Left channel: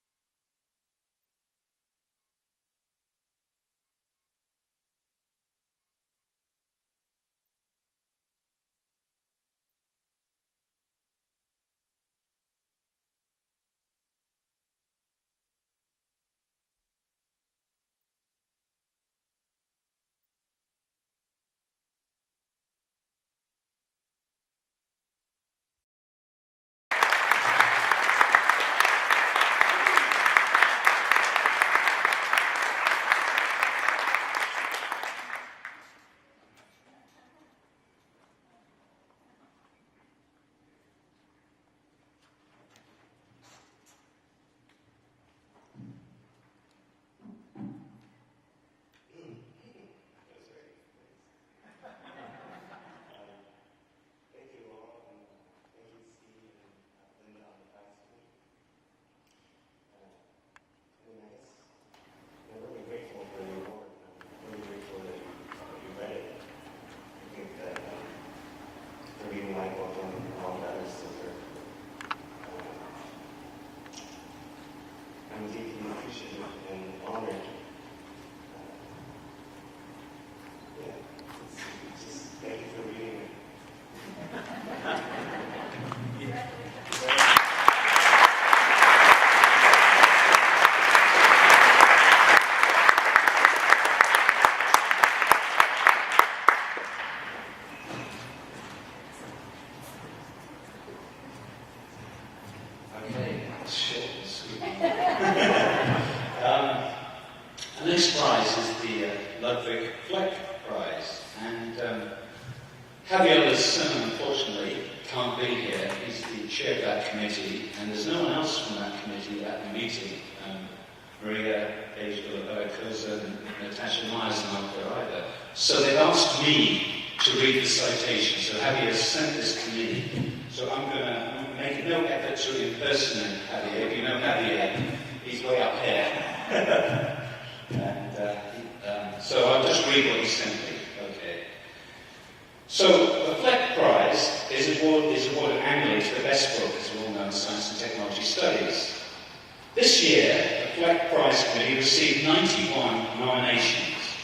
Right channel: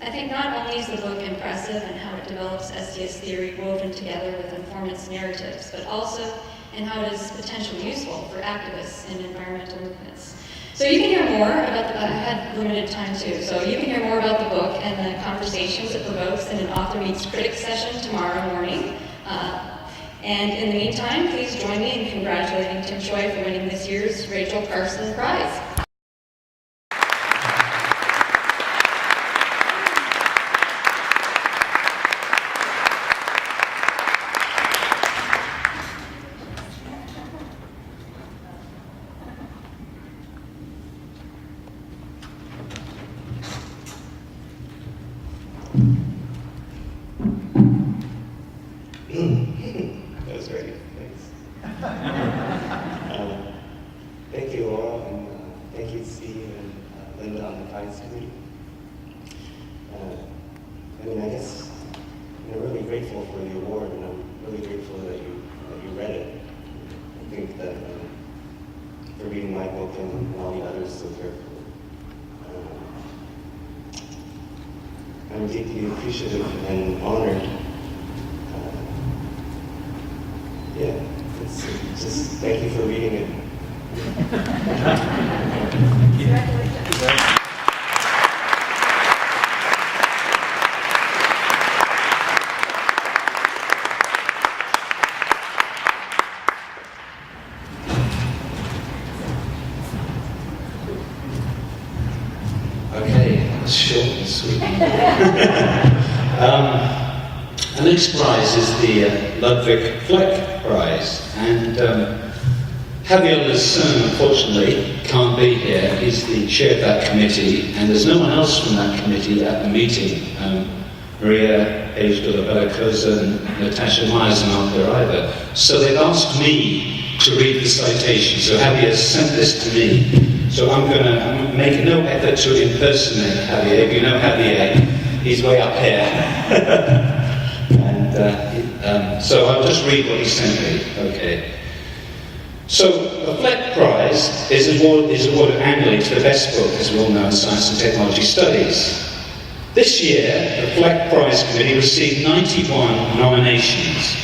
I think not only is the book impressive in how it develops STS theory woven together with informant's narratives, but also in how it is potentially useful for activists in environmental movements. So you can hear more about I had limited time too, so you can hear more about the book and the conversations it provokes in an Author Meets Critics session tomorrow morning. And in the meantime, please join me in congratulating Tim Choi for winning this year's Rachel Carson Prize. That was great, thanks. Thank you, Laura, and thank you, Steve and Linda on the Prize Committee. I guess I'm really grateful for the award, and I'm really grateful that you read it. I think that for reading my book and all the others so carefully. I'm deeply appreciative and honored. Yeah, it's just thank you for reading it. Okay, that's short and sweet. The next prize is the Ludwig Fleck Prize, and Javier Lasson, unfortunately, can't be here. He's the chair of that committee, and there's no one else from that committee at the meeting. Maria Page de la Bella and Natasha Myers are not there either. So they've asked me to read the citation. So Javier sent this to me. So I'm going to make no effort to impersonate Javier. If you know Javier, he's way up here. So I'll just read what he sent me. Okay. So the Fleck Prize is awarded annually to the best book, as we all know, in science and technology studies. This year, the Fleck Prize Committee received 91 nominations.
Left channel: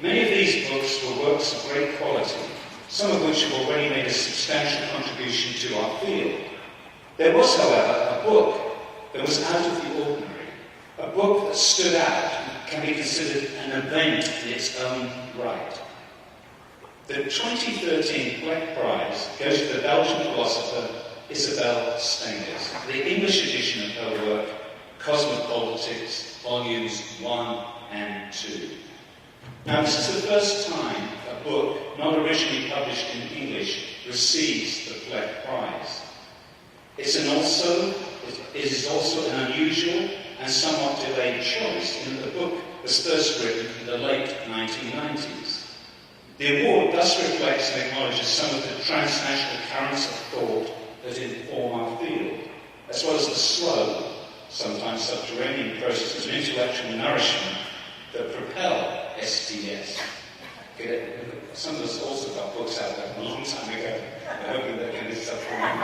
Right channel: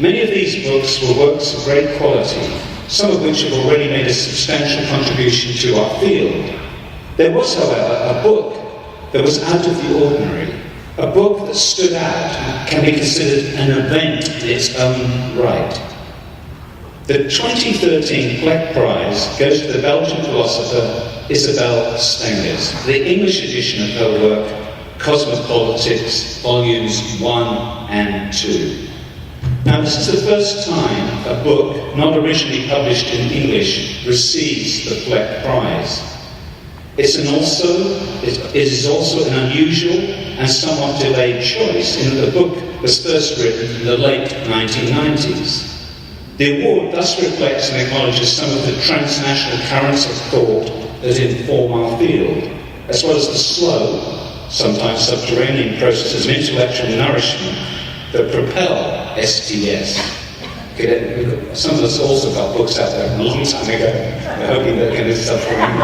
Many of these books were works of great quality, some of which have already made a substantial contribution to our field. There was, however, a book that was out of the ordinary, a book that stood out and can be considered an event in its own right. The 2013 Fleck Prize goes to the Belgian philosopher Isabelle Stengers, the English edition of her work, Cosmopolitics, Volumes 1 and 2. Now, this is the first time a book not originally published in English receives the Fleck Prize. It is also an unusual and somewhat delayed choice, in that the book was first written in the late 1990s. The award thus reflects and acknowledges some of the transnational currents of thought that inform our field, as well as the slow, sometimes subterranean processes of intellectual nourishment that propel STS. Some of us also got books out there a long time ago. We're hoping they're going to subterranean.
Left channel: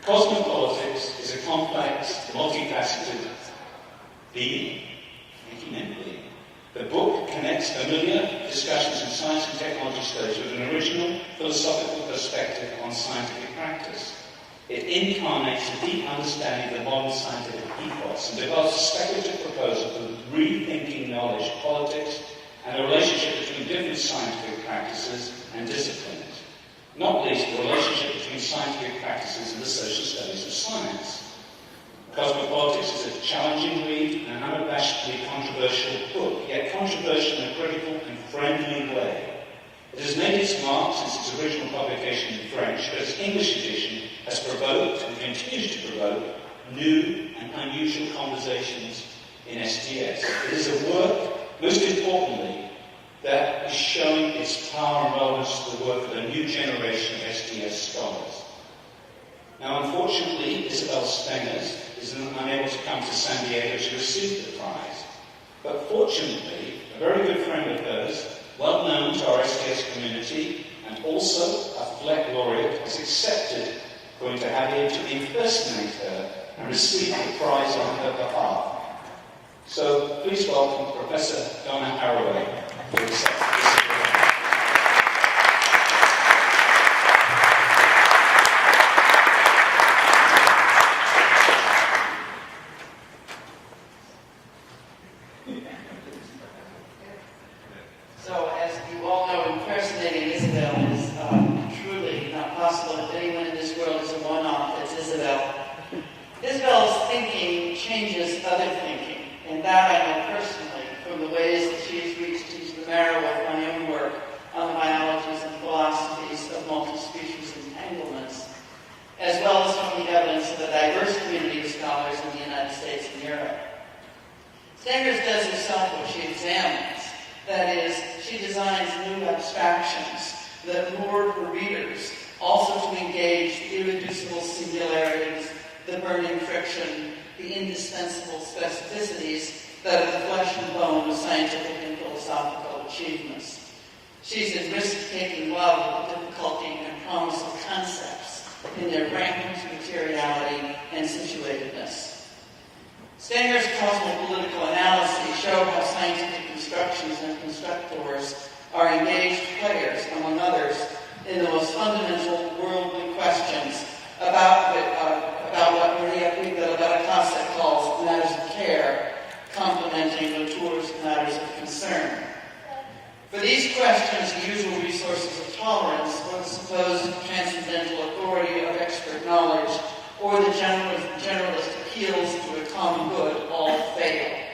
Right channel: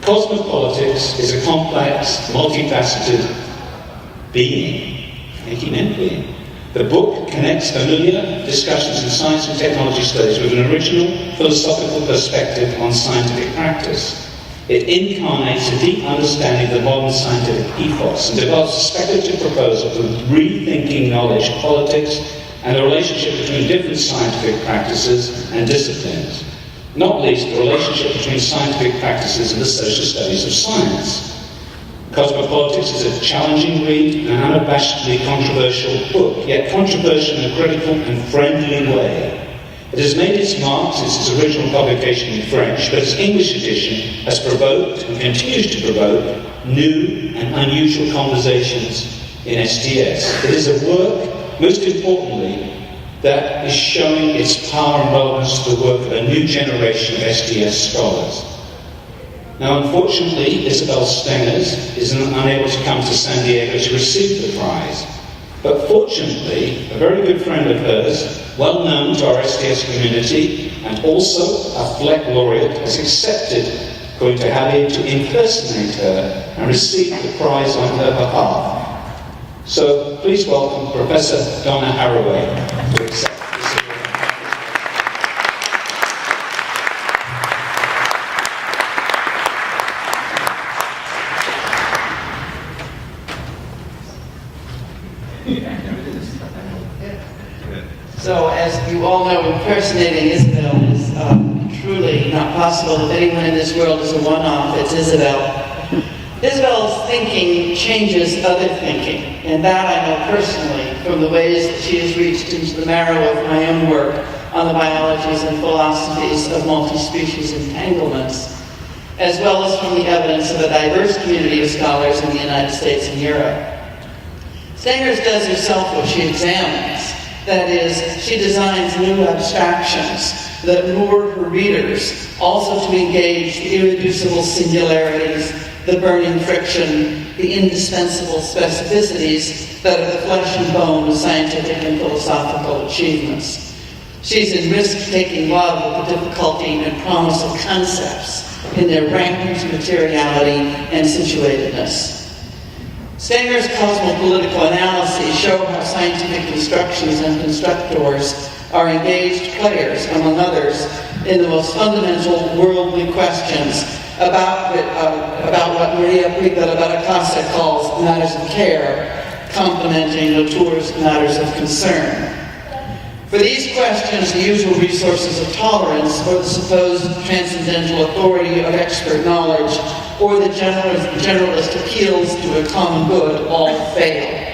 Cosmopolitics is a complex, multifaceted being, being. The book connects familiar discussions in science and technology studies with an original philosophical perspective on scientific practice. It incarnates a deep understanding of the modern scientific ethos and develops a speculative proposal for rethinking knowledge, politics, and the relationship between different scientific practices and disciplines. Not least, the relationship between scientific practices and the social studies of science. Cosmopolitics is a challenging read and an unabashedly controversial book, yet controversial in a critical and friendly way. It has made its mark since its original publication in French, but its English edition has provoked and continues to provoke new and unusual conversations in STS. It is a work, most importantly, that is showing its power and relevance to the work of a new generation of STS scholars. Now, unfortunately, Isabelle Stengers is unable to come to San Diego to receive the prize. But fortunately, a very good friend of hers, well known to our STS community and also a Fleck laureate, has accepted going to Halle to impersonate her and receive the prize on her behalf. So please welcome Professor Donna Haraway to accept this award. So, as you all know, impersonating Isabel is truly not possible. If anyone in this world is a one-off, it's Isabel. Isabel's thinking changes other thinking, and that I know personally from the ways that she has reached into the marrow of my own work on the biologies and philosophies of multi-species entanglements, as well as from the evidence of a diverse community of scholars in the United States and Europe. Stengers does herself what she examines. That is, she designs new abstractions that lure her readers also to engage the irreducible singularities, the burning friction, the indispensable specificities that are the flesh and bone of scientific and philosophical achievements. She's in risk-taking love with the difficulty and promise of concepts in their rampant materiality and situatedness. Stenger's cosmopolitical analyses show how scientific constructions and constructors are engaged players, among others, in the most fundamental worldly questions about what Maria Puig de la Baracasa calls matters of care, complementing Latour's matters of concern. For these questions, the usual resources of tolerance, or the supposed transcendental authority of expert knowledge, or the generalist appeals to a common good all fail.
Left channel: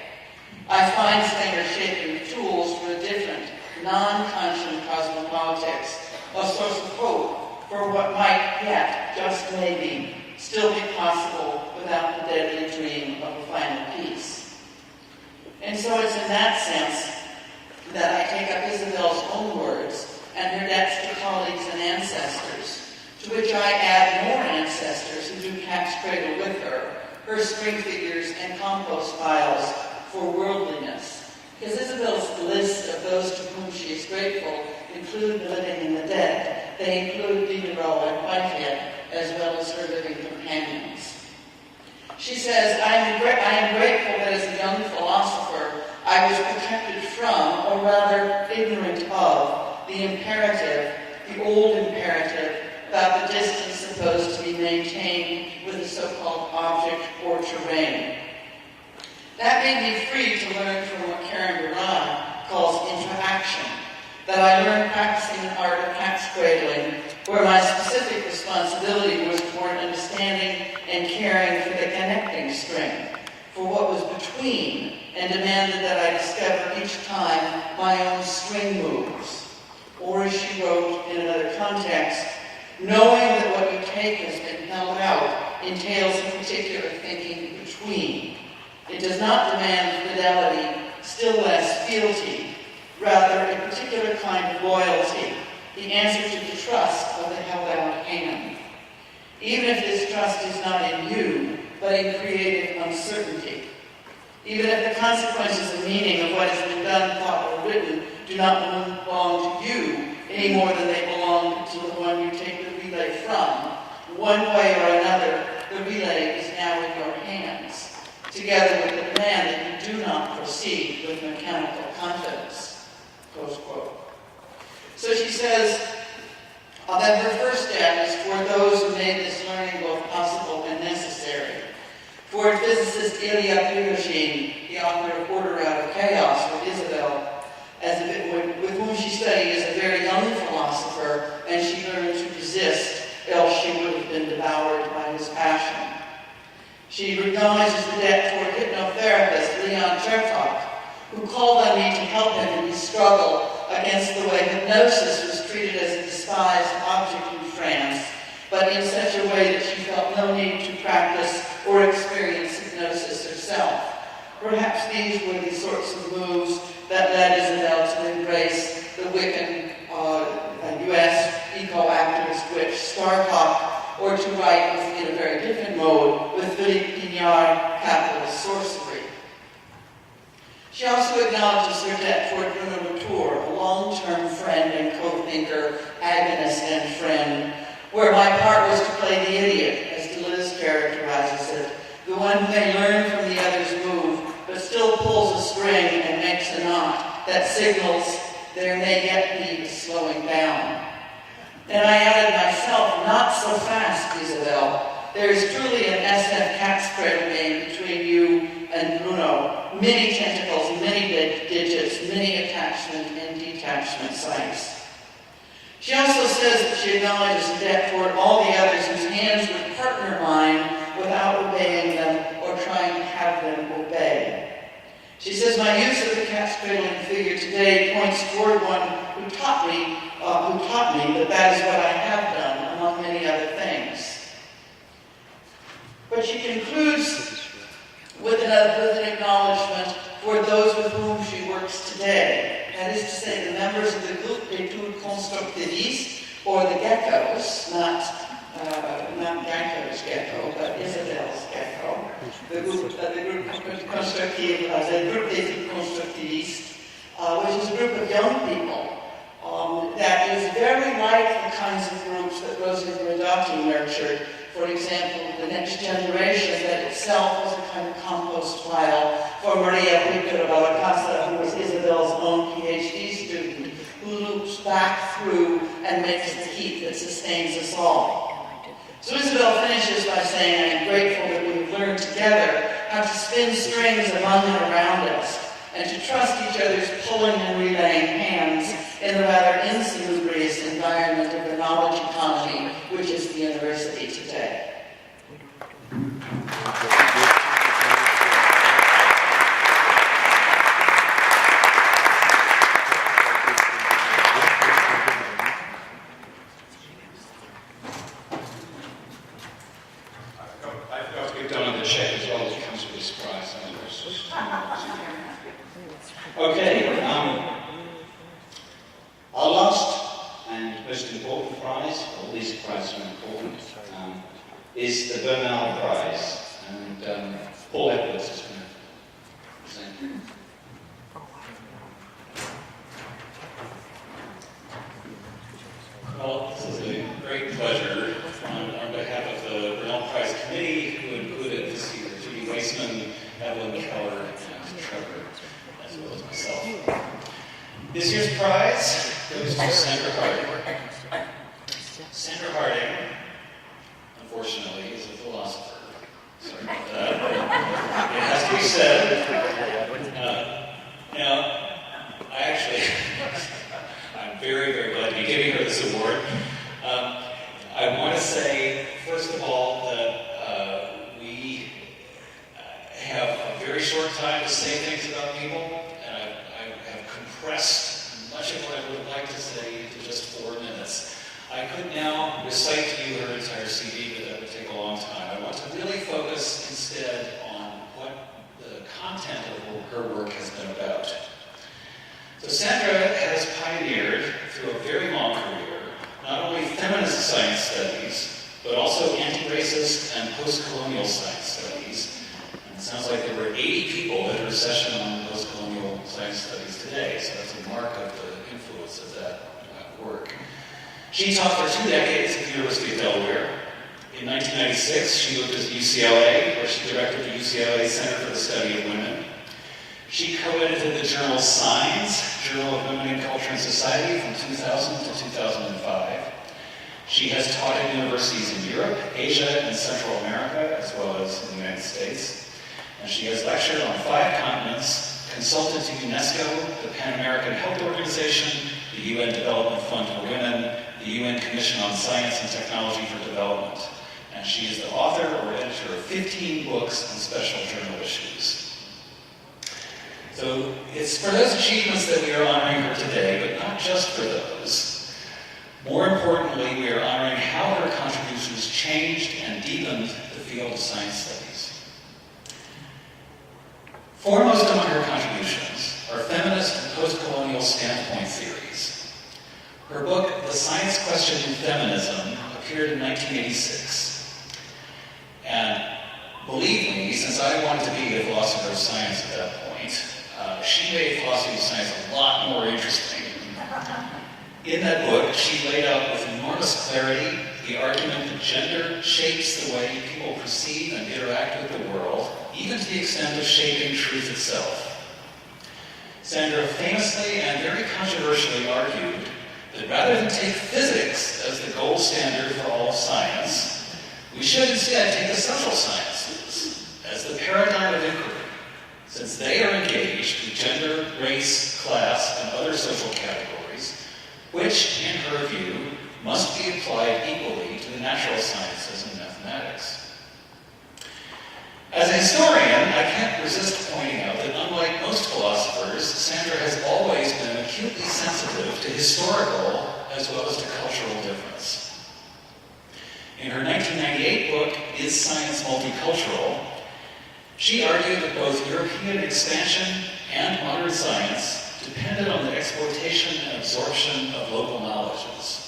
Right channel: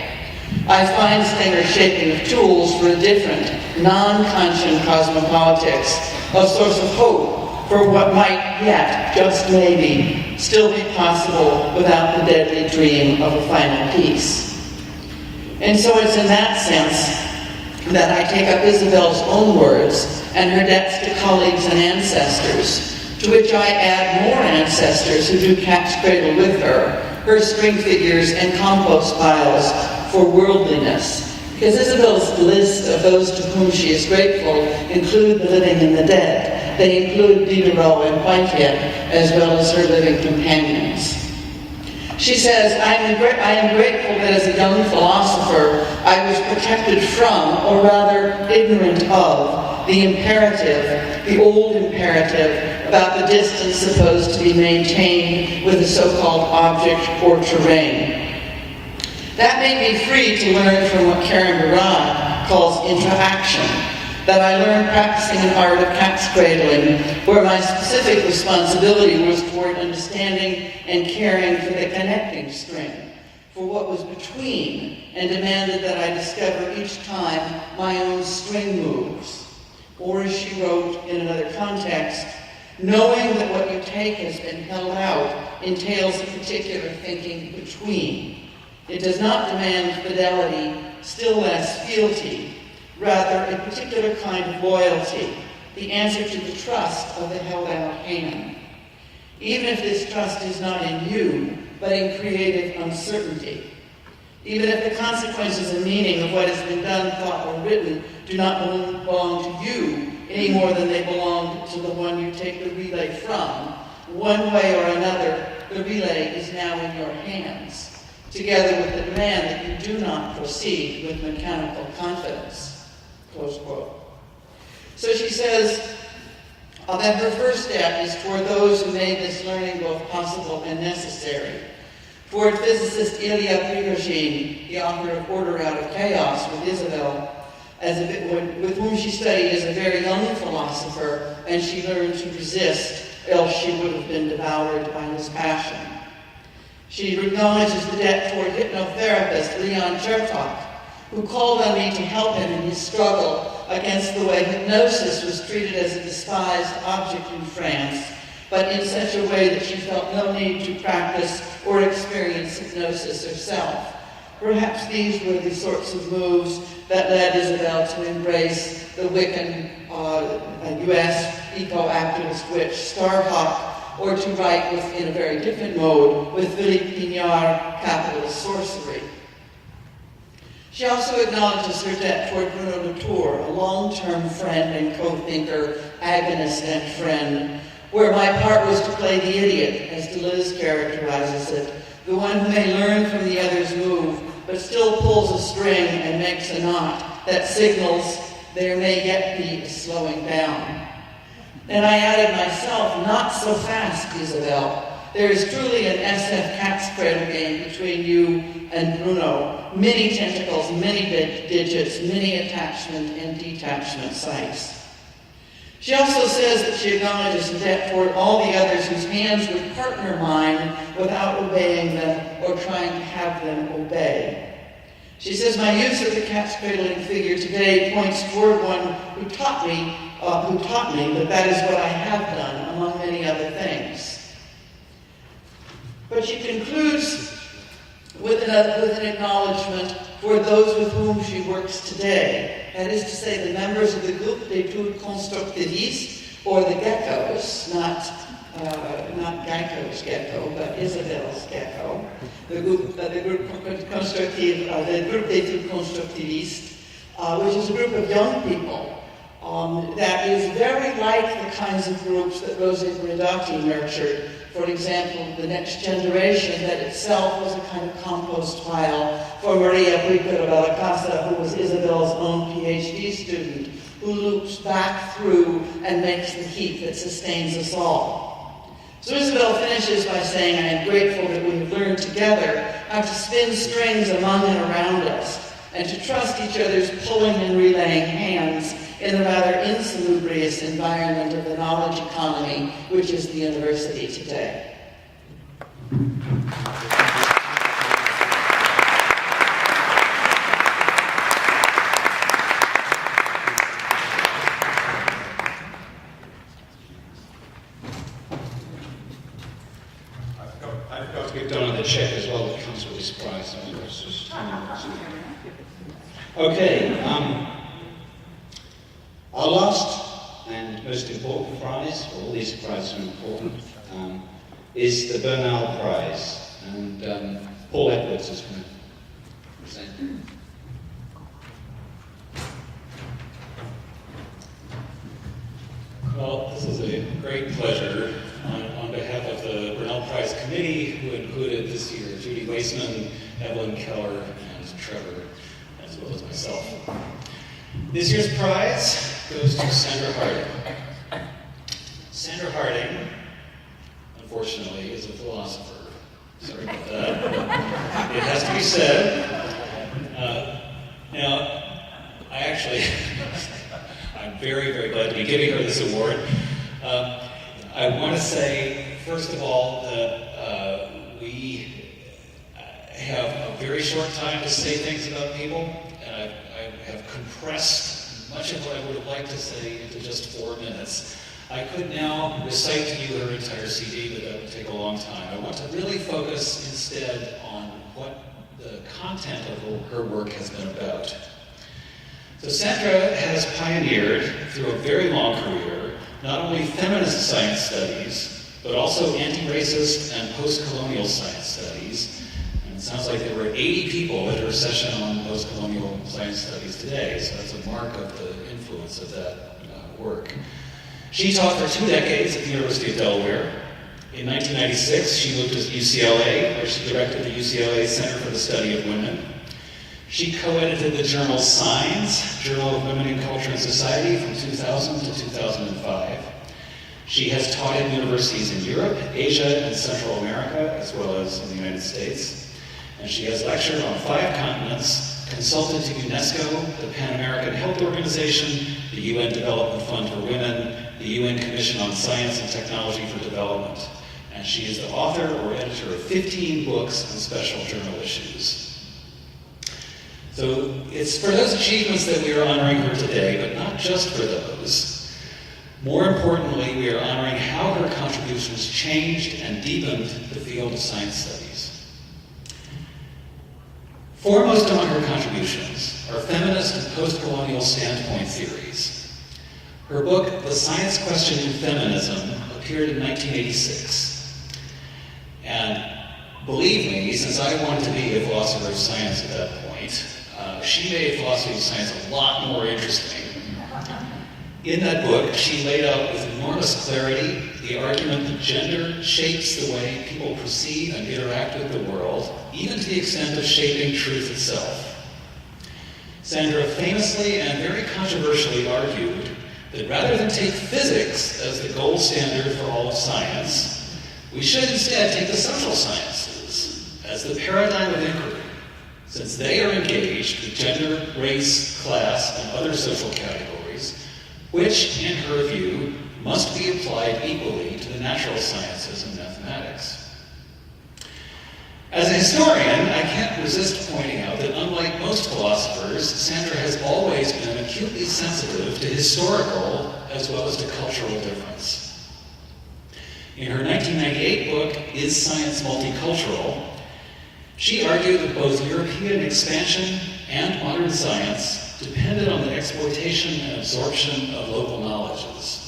I find Stenger's shaping of tools for a different, non-conscient cosmopolitics a source of hope for what might yet, just maybe, still be possible without the deadly dream of a final peace. And so it's in that sense that I take up Isabel's own words and her debts to colleagues and ancestors, to which I add more ancestors who do cat's cradle with her string figures and compost piles for worldliness. Because Isabel's list of those to whom she is grateful include the living and the dead. They include Diderot and Whitehead, as well as her living companions. She says, I am grateful that as a young philosopher, I was protected from, or rather ignorant of, the imperative, the old imperative, about the distance supposed to be maintained with a so-called object or terrain. That made me free to learn from what Karen Barad calls interaction, that I learned practicing an art of cat's cradling, where my specific responsibility was toward understanding and caring for the connecting string, for what was between, and demanded that I discover each time my own string moves. Or as she wrote in another context, knowing that what you take has been held out entails a particular thinking between. It does not demand fidelity, still less fealty, rather a particular kind of loyalty, the answer to the trust of the held out hand. Even if this trust is not in you, but in creative uncertainty. Even if the consequences and meaning of what has been done, thought, or written do not belong to you any more than they belong to the one you take the relay from. One way or another, the relay is now in your hands, together with the demand that you do not proceed with mechanical confidence. Close quote. So she says that her first step is toward those who made this learning both possible and necessary. Toward physicist Ilya Prigogine, the author of Order Out of Chaos with Isabel, with whom she studied as a very young philosopher, and she learned to resist, else she would have been devoured by his passion. She acknowledges the debt toward hypnotherapist Leon Chertok, who called on me to help him in his struggle against the way hypnosis was treated as a despised object in France, but in such a way that she felt no need to practice or experience hypnosis herself. Perhaps these were the sorts of moves that led Isabel to embrace the Wiccan U.S. eco-activist witch Starhawk, or to write in a very different mode with Philippe Pinard, capitalist sorcery. She also acknowledges her debt toward Bruno Latour, a long-term friend and co-thinker, agonist and friend, where my part was to play the idiot, as Deleuze characterizes it, the one who may learn from the other's move, but still pulls a string and makes a knot that signals there may yet be a slowing down. And I added myself, not so fast, Isabel. There is truly an SF cat's cradle game between you and Bruno. Many tentacles, many digits, many attachment and detachment sites. She also says that she acknowledges a debt toward all the others whose hands would partner mine without obeying them or trying to have them obey. She says, my use of the cat's cradling figure today points toward one who taught me that is what I have done, among many other things. But she concludes with an acknowledgement for those with whom she works today. That is to say, the members of the Groupe d'Etudes Constructivistes, or the geckos, not Geico's gecko, but Isabel's gecko. The Groupe d'Etudes Constructivistes, which is a group of young people that is very like the kinds of groups that Rosa Guidotti nurtured. For example, the Next Generation, that itself was a kind of compost pile for Maria Pico Valacasa, who was Isabel's own PhD student, who loops back through and makes the heat that sustains us all. So Isabel finishes by saying, I am grateful that we have learned together how to spin strings among and around us, and to trust each other's pulling and relaying hands in the rather insalubrious environment of the knowledge economy, which is the university today. I forgot to get done on the check as well as comes with this prize. Okay, our last and most important prize, all these prizes are important, is the Bernal Prize. And Paul Edwards is going to present. Well, this is a great pleasure on behalf of the Bernal Prize Committee, who included this year Judy Weissman, Evelyn Keller, and Trevor, as well as myself. This year's prize goes to Sandra Harding. Sandra Harding, unfortunately, is a philosopher. Sorry about that. It has to be said. Now, I actually... I'm very, very glad to be giving her this award. I want to say, first of all, that we have a very short time to say things about people, and I have compressed much of what I would have liked to say into just 4 minutes. I could now recite to you her entire CV, but that would take a long time. I want to really focus instead on what the content of her work has been about. So Sandra has pioneered, through a very long career, not only feminist science studies, but also anti-racist and post-colonial science studies. And it sounds like there were 80 people at her session on post-colonial science studies today, so that's a mark of the influence of that work. She taught for 2 decades at the University of Delaware. In 1996, she moved to UCLA, where she directed the UCLA Center for the Study of Women. She co-edited the journal Signs, Journal of Women in Culture and Society, from 2000 to 2005. She has taught at universities in Europe, Asia, and Central America, as well as in the United States. And she has lectured on 5 continents, consulted to UNESCO, the Pan American Health Organization, the UN Development Fund for Women, the UN Commission on Science and Technology for Development. And she is the author or editor of 15 books on special journal issues. So it's for those achievements that we are honoring her today, but not just for those. More importantly, we are honoring how her contributions changed and deepened the field of science studies. Foremost among her contributions are feminist and post-colonial standpoint theories. Her book, The Science Question in Feminism, appeared in 1986. And believe me, since I wanted to be a philosopher of science at that point, she made philosophy of science a lot more interesting. In that book, she laid out with enormous clarity the argument that gender shapes the way people perceive and interact with the world, even to the extent of shaping truth itself. Sandra famously and very controversially argued that rather than take physics as the gold standard for all of science, we should instead take the social sciences as the paradigm of inquiry, since they are engaged with gender, race, class, and other social categories, which, in her view, must be applied equally to the natural sciences and mathematics. As a historian, I can't resist pointing out that unlike most philosophers, Sandra has always been acutely sensitive to historical as well as to cultural difference. In her 1998 book, Is Science Multicultural?, she argued that both European expansion and modern science depended on the exploitation and absorption of local knowledges.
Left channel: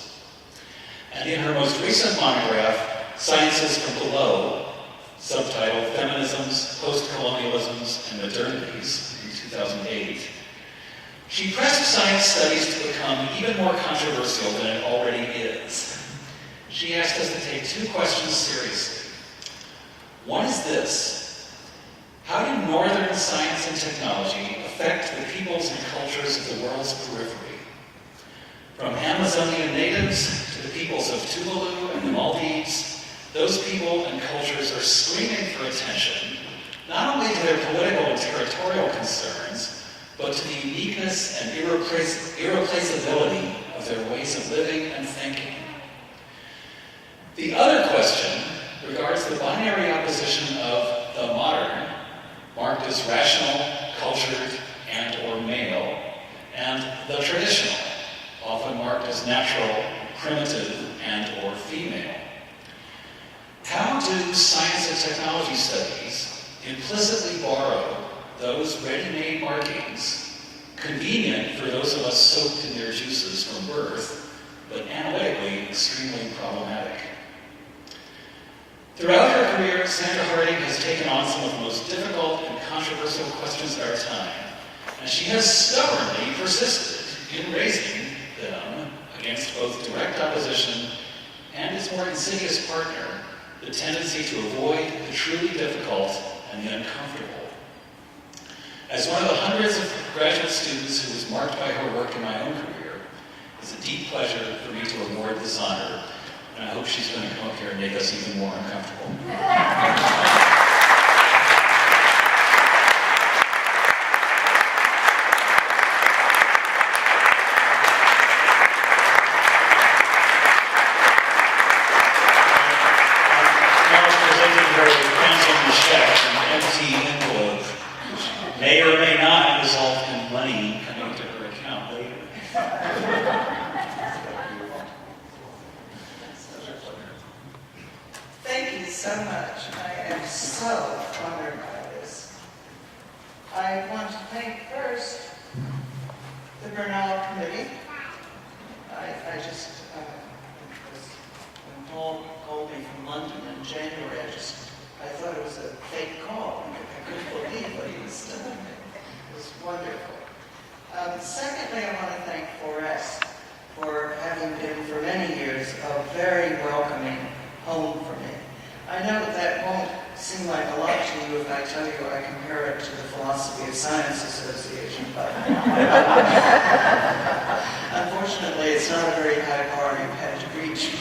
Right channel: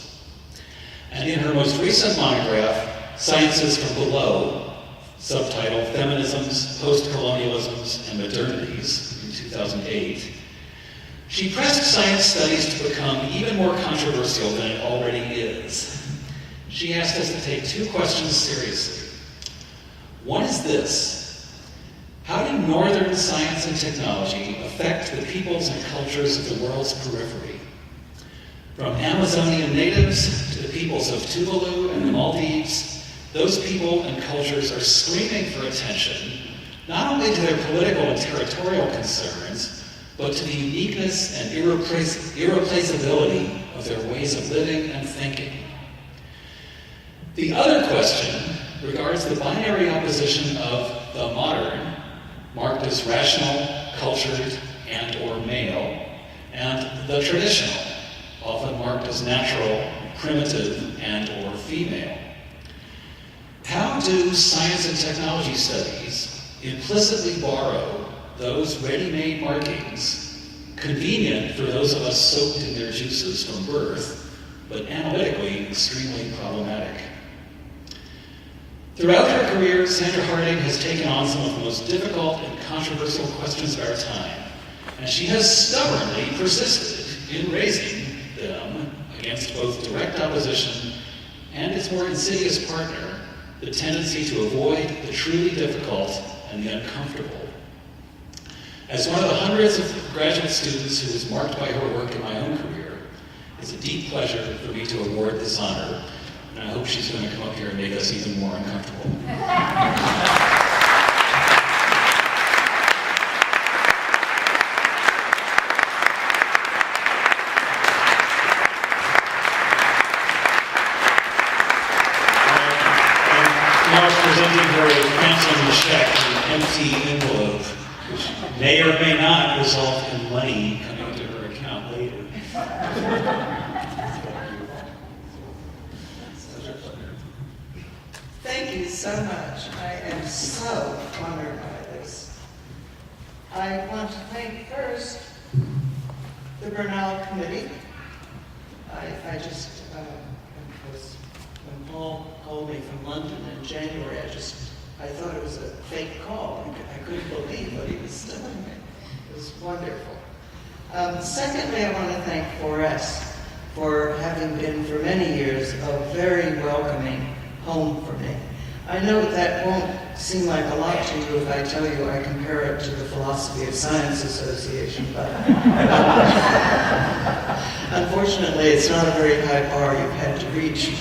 And in her most recent monograph, Sciences from Below, subtitled Feminisms, Post-Colonialisms, and Modernities, in 2008, she pressed science studies to become even more controversial than it already is. She asked us to take two questions seriously. One is this: how do northern science and technology affect the peoples and cultures of the world's periphery? From Amazonian natives to the peoples of Tuvalu and the Maldives, those people and cultures are screaming for attention, not only to their political and territorial concerns, but to the uniqueness and irreplaceability of their ways of living and thinking. The other question regards the binary opposition of the modern, marked as rational, cultured, and or male, and the traditional, often marked as natural, primitive, and or female. How do science and technology studies implicitly borrow those ready-made markings, convenient for those of us soaked in their juices from birth, but analytically extremely problematic? Throughout her career, Sandra Harding has taken on some of the most difficult and controversial questions of our time, and she has stubbornly persisted in raising them against both direct opposition and its more insidious partner, the tendency to avoid the truly difficult and the uncomfortable. As one of the hundreds of graduate students who was marked by her work in my own career, it's a deep pleasure for me to award this honor, and I hope she's going to come up here and make us even more uncomfortable. Now it's presenting her a phantom check, an empty envelope, which may or may not result in money coming to her account later. Thank you so much. I am so honored by this. I want to thank first the Bernal Committee. I just, when Paul called me from London in January, I thought it was a fake call. I couldn't believe what he was telling me. It was wonderful. Secondly, I want to thank 4S for having been for many years a very welcoming home for me. I know that won't seem like a lot to you if I tell you I compare it to the Philosophy of Science Association, but unfortunately it's not a very high bar you've had to reach.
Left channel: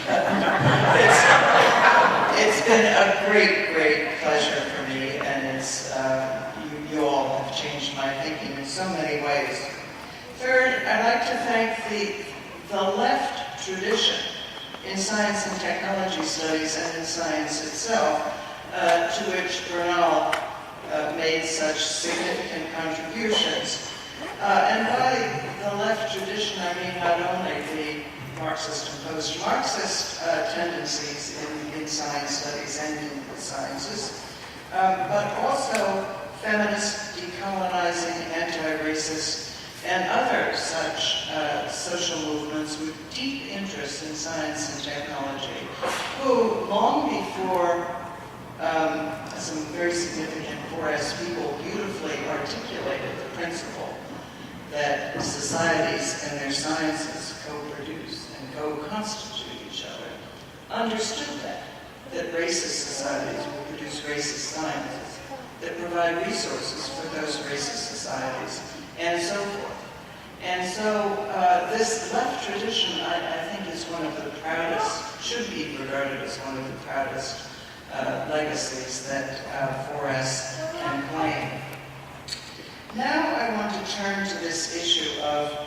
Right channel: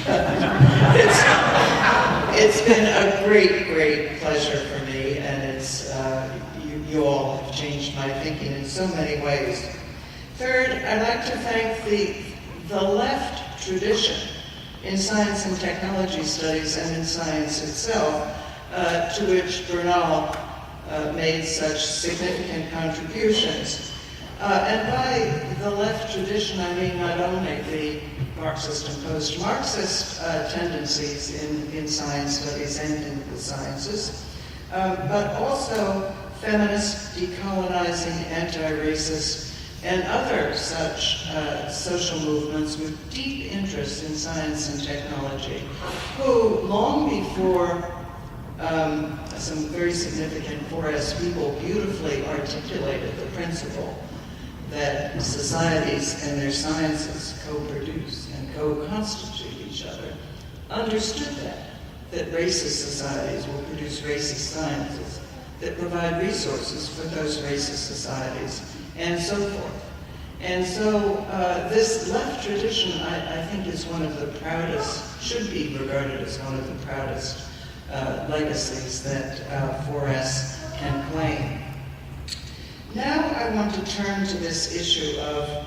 It's been a great, great pleasure for me, and it's you all have changed my thinking in so many ways. Third, I'd like to thank the left tradition in science and technology studies and in science itself, to which Bernal made such significant contributions. And by the left tradition, I mean not only the Marxist and post-Marxist tendencies in science studies and in the sciences, but also feminist, decolonizing, anti-racist, and other such social movements with deep interest in science and technology, who long before some very significant 4S people beautifully articulated the principle that societies and their sciences co-produce and co-constitute each other, understood that racist societies will produce racist sciences, that provide resources for those racist societies, and so forth. And so this left tradition, I think, is one of the proudest, should be regarded as one of the proudest legacies that 4S can claim. Now I want to turn to this issue of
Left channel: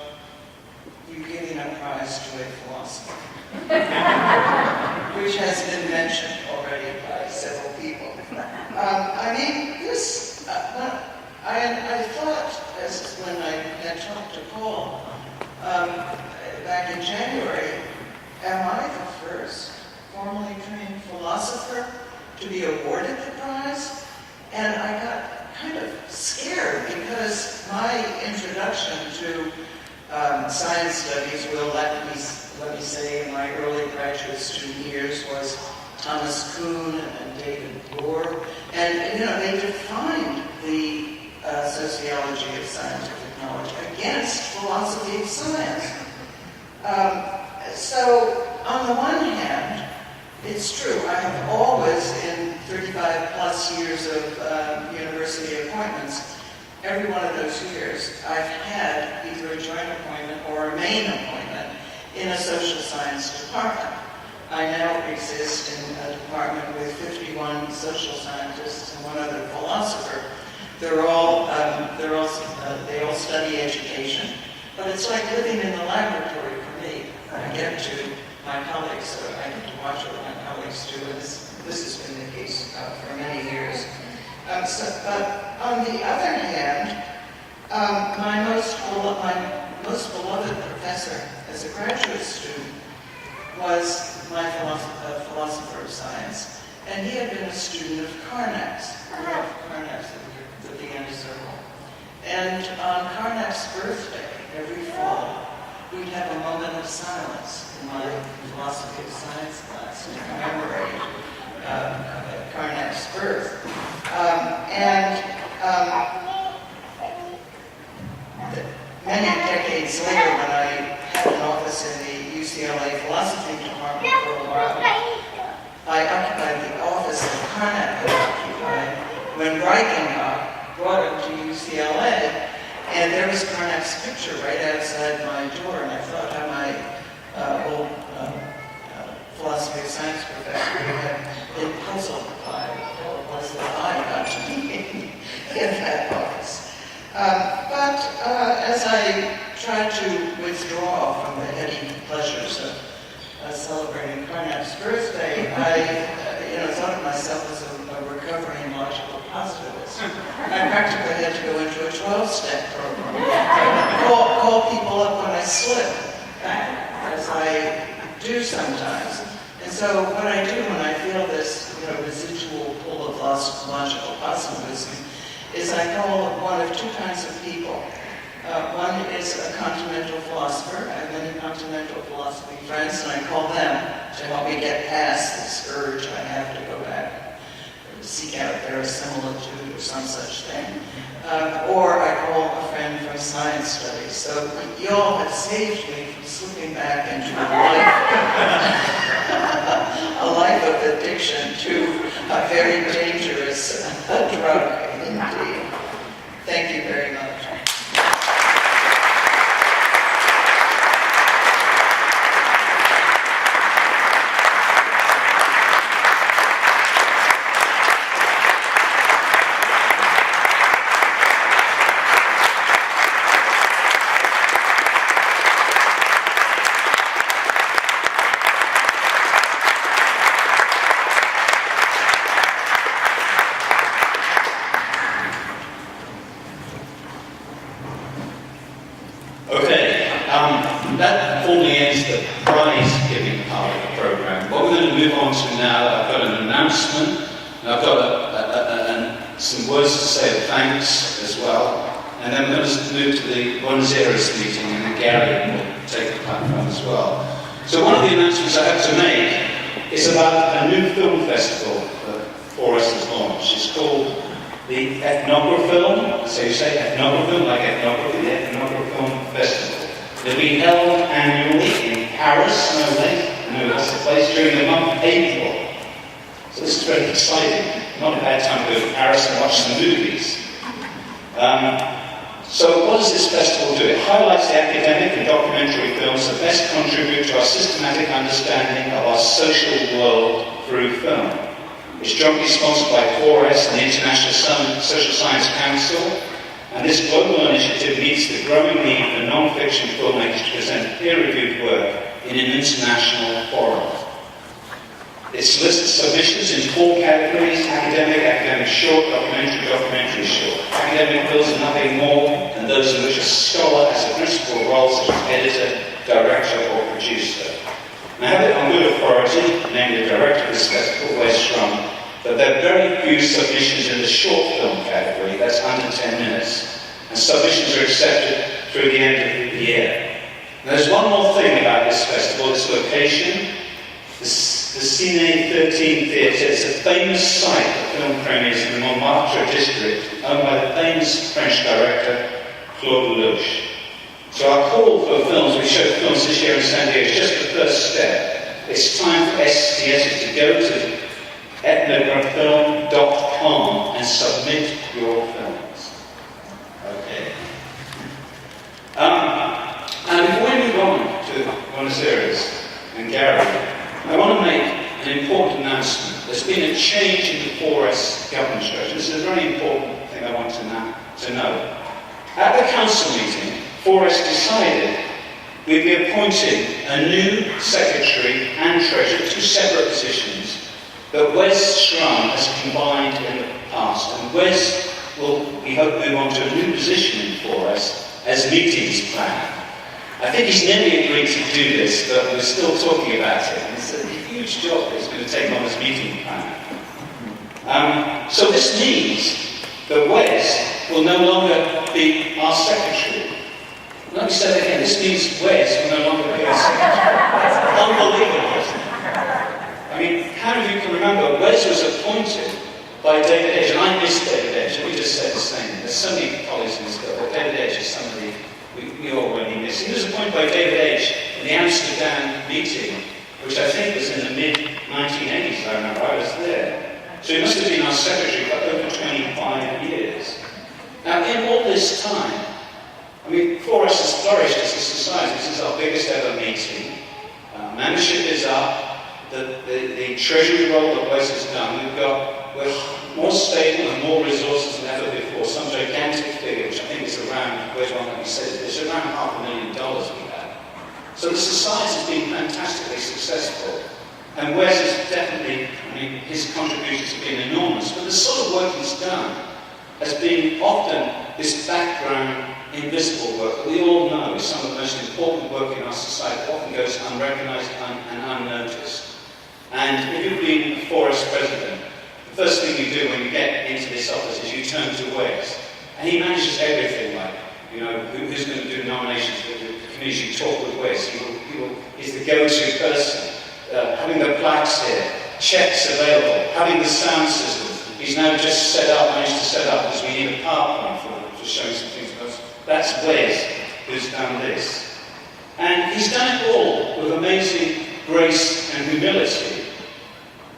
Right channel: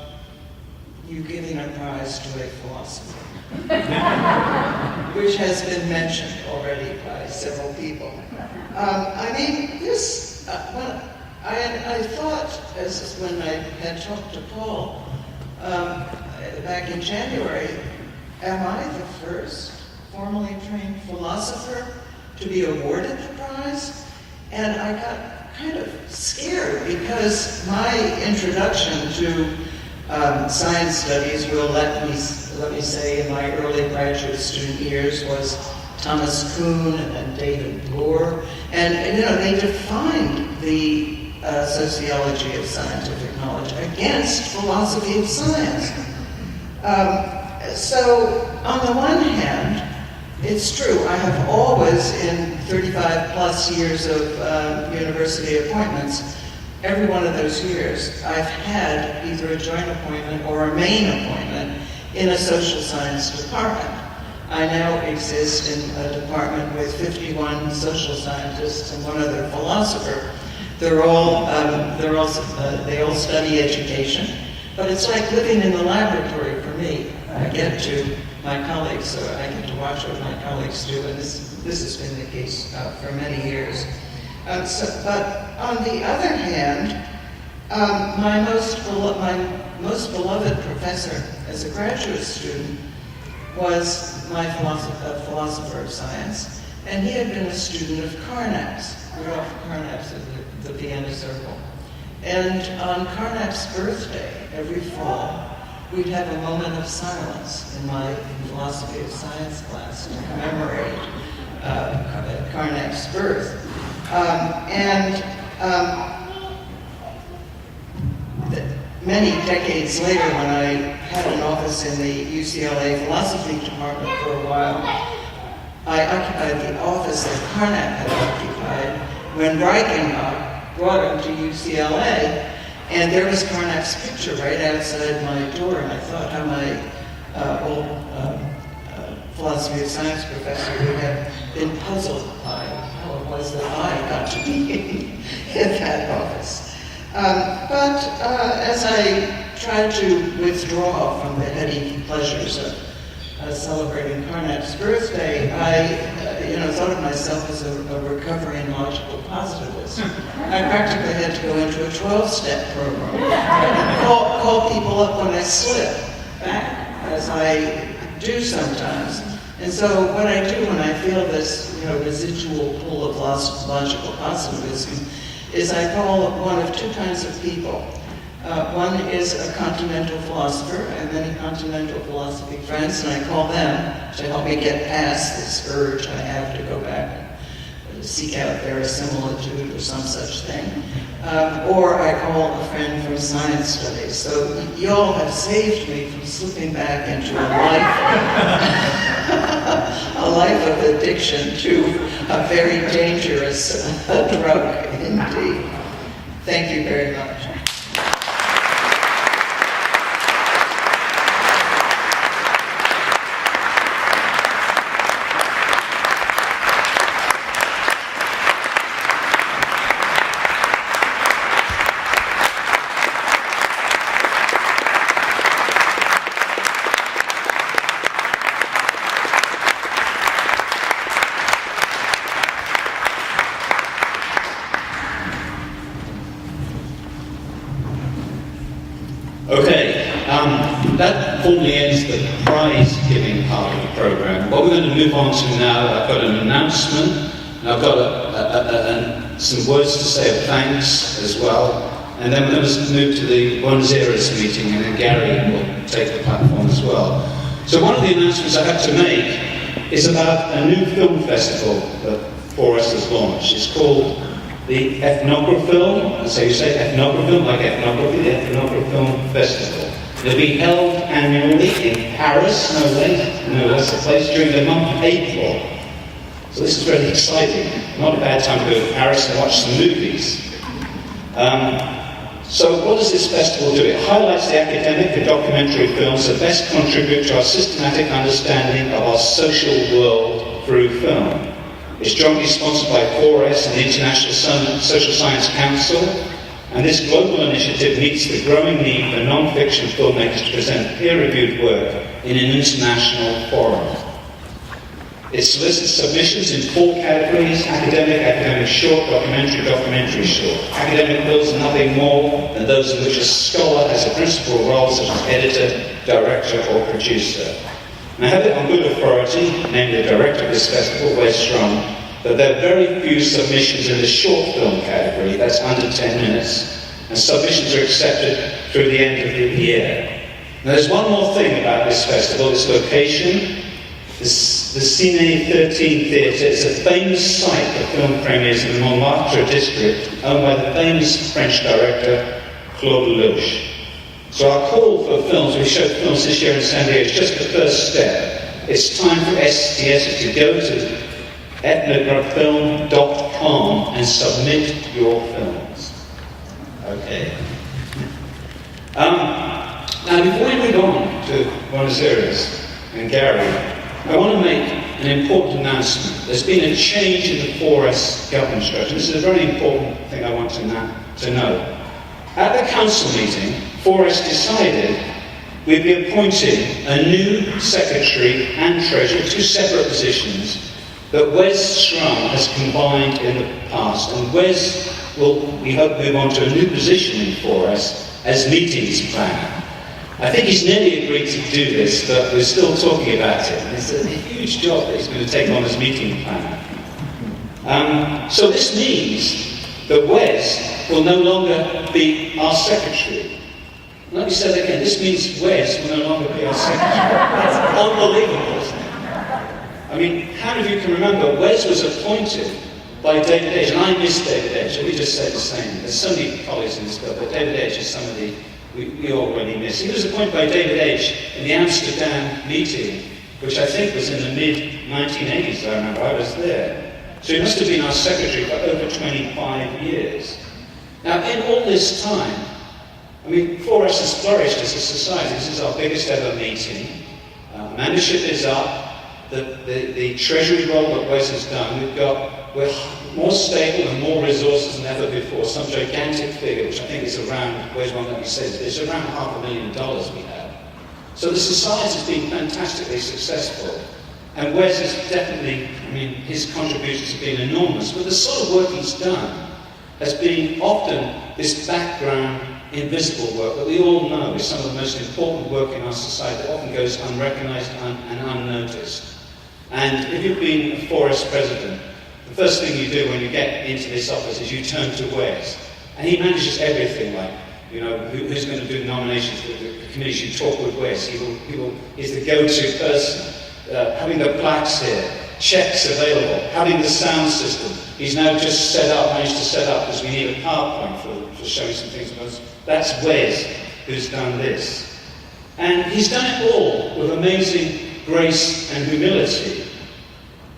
you giving a prize to a philosopher, which has been mentioned already by several people. I mean, this, I thought, as when I had talked to Paul back in January, am I the first formally trained philosopher to be awarded the prize? And I got kind of scared because my introduction to science studies, let me say, in my early graduate student years was Thomas Kuhn and then David Bloor. And you know, they defined the sociology of scientific knowledge against philosophy of science. So on the one hand, it's true, I have always, in 35 plus years of university appointments, every one of those years, I've had either a joint appointment or a main appointment in a social science department. I now exist in a department with 51 social scientists and one other philosopher. They all study education, but it's like living in the laboratory for me. I get to my colleagues, so I get to watch what my colleagues do, and this has been the case for many years. But on the other hand, my most beloved professor as a graduate student was my philosopher of science, and he had been a student of Carnap's, Rudolf Carnap's in the Vienna Circle. And on Carnap's birthday, every fall, we'd have a moment of silence in my philosophy of science class to commemorate Carnap's birth. Many decades later, when I had an office in the UCLA philosophy department for a while, I occupied the office that Carnap had occupied when Reichenbach brought him to UCLA, and there was Carnap's picture right outside my door, and I thought how my old philosophy of science professor would have been puzzled by how it was that I got to be in that office. But as I tried to withdraw from the heady pleasures of celebrating Carnap's birthday, I thought of myself as a recovering logical positivist. I practically had to go into a 12-step program. Call people up when I slip back, as I do sometimes. And so what I do when I feel this residual pull of logical positivism is I call one of two kinds of people. One is a continental philosopher. I have many continental philosophy friends, and I call them to help me get past this urge I have to go back and seek out verisimilitude or some such thing. Or I call a friend from science studies. So you all have saved me from slipping back into a life of addiction to a very dangerous drug indeed. Thank you very much. That formally ends the prize-giving part of the program. What we're going to move on to now, I've got an announcement, and I've got some words to say of thanks as well, and then we're going to move to the Buenos Aires meeting, and then Gary will take the platform as well. So one of the announcements I have to make is about a new film festival that Forest has launched. It's called the Ethnography, so you say Ethnography, like ethnography, the Ethnography Festival. It'll be held annually in Paris, no less a place, during the month of April. So this is really exciting. Not a bad time to go to Paris and watch some movies. So what does this festival do? It highlights the academic and documentary films that best contribute to our systematic understanding of our social world through film. It's jointly sponsored by 4S and the International Social Science Council, and this global initiative meets the growing need for non-fiction filmmakers to present peer-reviewed work in an international forum. It solicits submissions in 4 categories: academic short, documentary short. Academic films are nothing more than those in which a scholar has a principal role, such as editor, director, or producer. And I have it on good authority, namely the director of this festival, Wes Schrum, that there are very few submissions in the short film category, that's under 10 minutes, and submissions are accepted through the end of the year. Now, there's one more thing about this festival, its location. The Cine 13 Theatre is a famous site for film premieres in the Montmartre district, owned by the famous French director Claude Lelouch. So our call for films, we showed films this year in San Diego, is just the first step. It's time for STS to go to ethnographyfilm.com and submit your films. Okay. Now, before we move on to Buenos Aires and Gary, I want to make an important announcement. There's been a change in the 4S government structure. This is a very important thing I want to know. At the council meeting, 4S decided we'd be appointing a new secretary and treasurer, 2 separate positions that Wes Schrum has combined in the past. And Wes will, we hope, move on to a new position in 4S as meetings planner. I think he's nearly agreed to do this, but we're still talking about it. And it's a huge job that he's going to take on as meeting planner. So this means that Wes will no longer be our secretary. Let me say that again. This means Wes will no longer be our secretary. That's unbelievable, isn't it? I mean, how many of you can remember Wes was appointed by David Edge, and I miss David Edge. We just say the same. There's so many colleagues in this club, but David Edge is somebody we all really miss. He was appointed by David Edge in the Amsterdam meeting, which I think was in the mid-1980s, I remember. I was there. So he must have been our secretary for over 25 years. Now, in all this time, I mean, 4S has flourished as a society. This is our biggest ever meeting. Membership is up. The treasury role that Wes has done, we're more stable and more resources than ever before. Some gigantic figure, which I think is around, Wes won't let me say this, it's around $500,000 we have. So the society has been fantastically successful. And Wes is definitely, I mean, his contributions have been enormous. But the sort of work he's done has been often this background, invisible work that we all know is some of the most important work in our society that often goes unrecognised and unnoticed. And if you've been a 4S president, the first thing you do when you get into this office is you turn to Wes. And he manages everything, like, you know, who's going to do the nominations, the committees. You talk with Wes. He's the go-to person. Having the plaques here, checks available, having the sound system. He's now just managed to set up, because we need a PowerPoint for showing some things. That's Wes who's done this. And he's done it all with amazing grace and humility.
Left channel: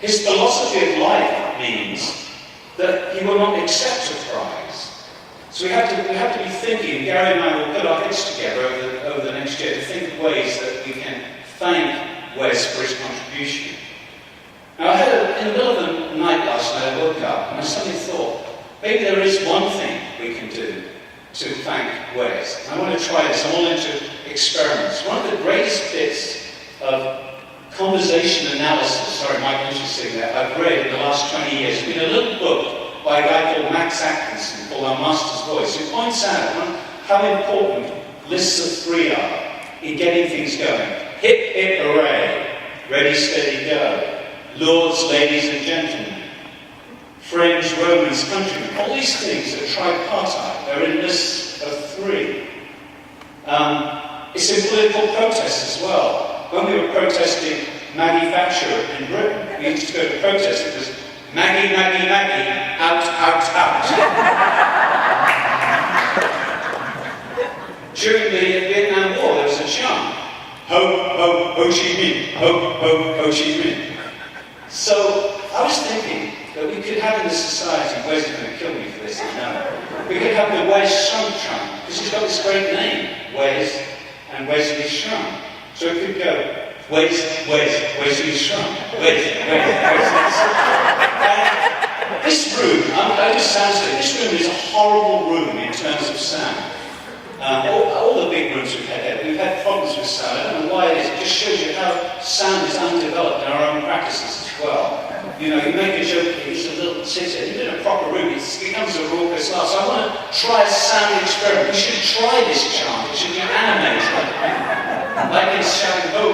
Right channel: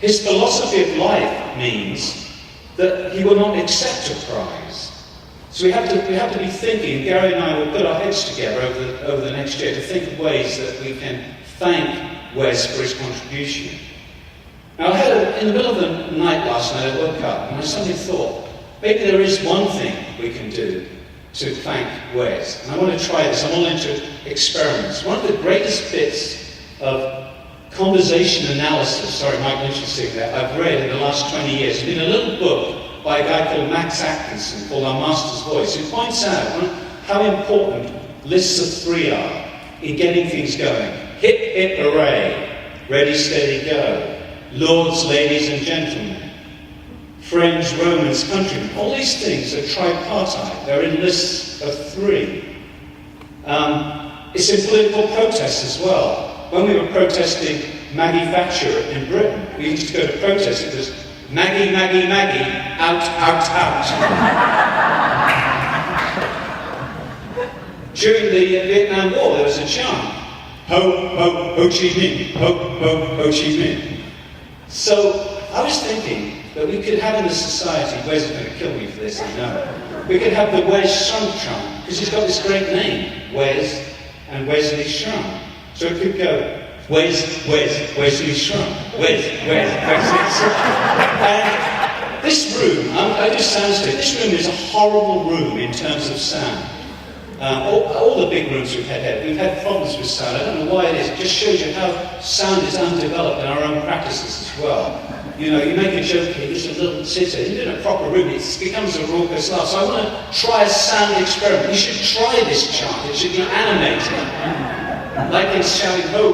His philosophy of life means that he will not accept a prize. So we have to be thinking, Gary and I will put our heads together over the next year to think of ways that we can thank Wes for his contribution. Now, in the middle of the night last night, I woke up and I suddenly thought, maybe there is one thing we can do to thank Wes. And I want to try this. I'm all into experiments. One of the greatest bits of conversation analysis, sorry, Mike Lynch is sitting there, I've read in the last 20 years, has been a little book by a guy called Max Atkinson called Our Master's Voice, who points out how important lists of 3 are in getting things going. Hip, hip, hooray. Ready, steady, go. Lords, ladies, and gentlemen. Friends, Romans, countrymen. All these things are tripartite. They're in lists of 3. It's in political protests as well. When we were protesting Maggie Thatcher in Britain, we used to go to protest because Maggie, Maggie, Maggie, out, out, out. During the Vietnam War, there was a chant, ho, ho, Ho Chi Minh, ho, ho, Ho Chi Minh. So I was thinking that we could have in this society, Wes is going to kill me for this, I know. We could have the Wes Shrunk chant, because he's got this great name, Wes and Wesley Shrunk. So it could go, Wes, Wesley Shrunk, Wes, Wesley Shrunk. And this room, I do sound study, this room is a horrible room in terms of sound. All the big rooms we've had problems with sound. I don't know why it is. It just shows you how sound is undeveloped in our own practices as well. You know, you make a joke here, it's a little sitter. Even in a proper room, it becomes a raucous laugh. So I want to try a sound experiment. You should try this chant. It should be animated. Like in shouting Ho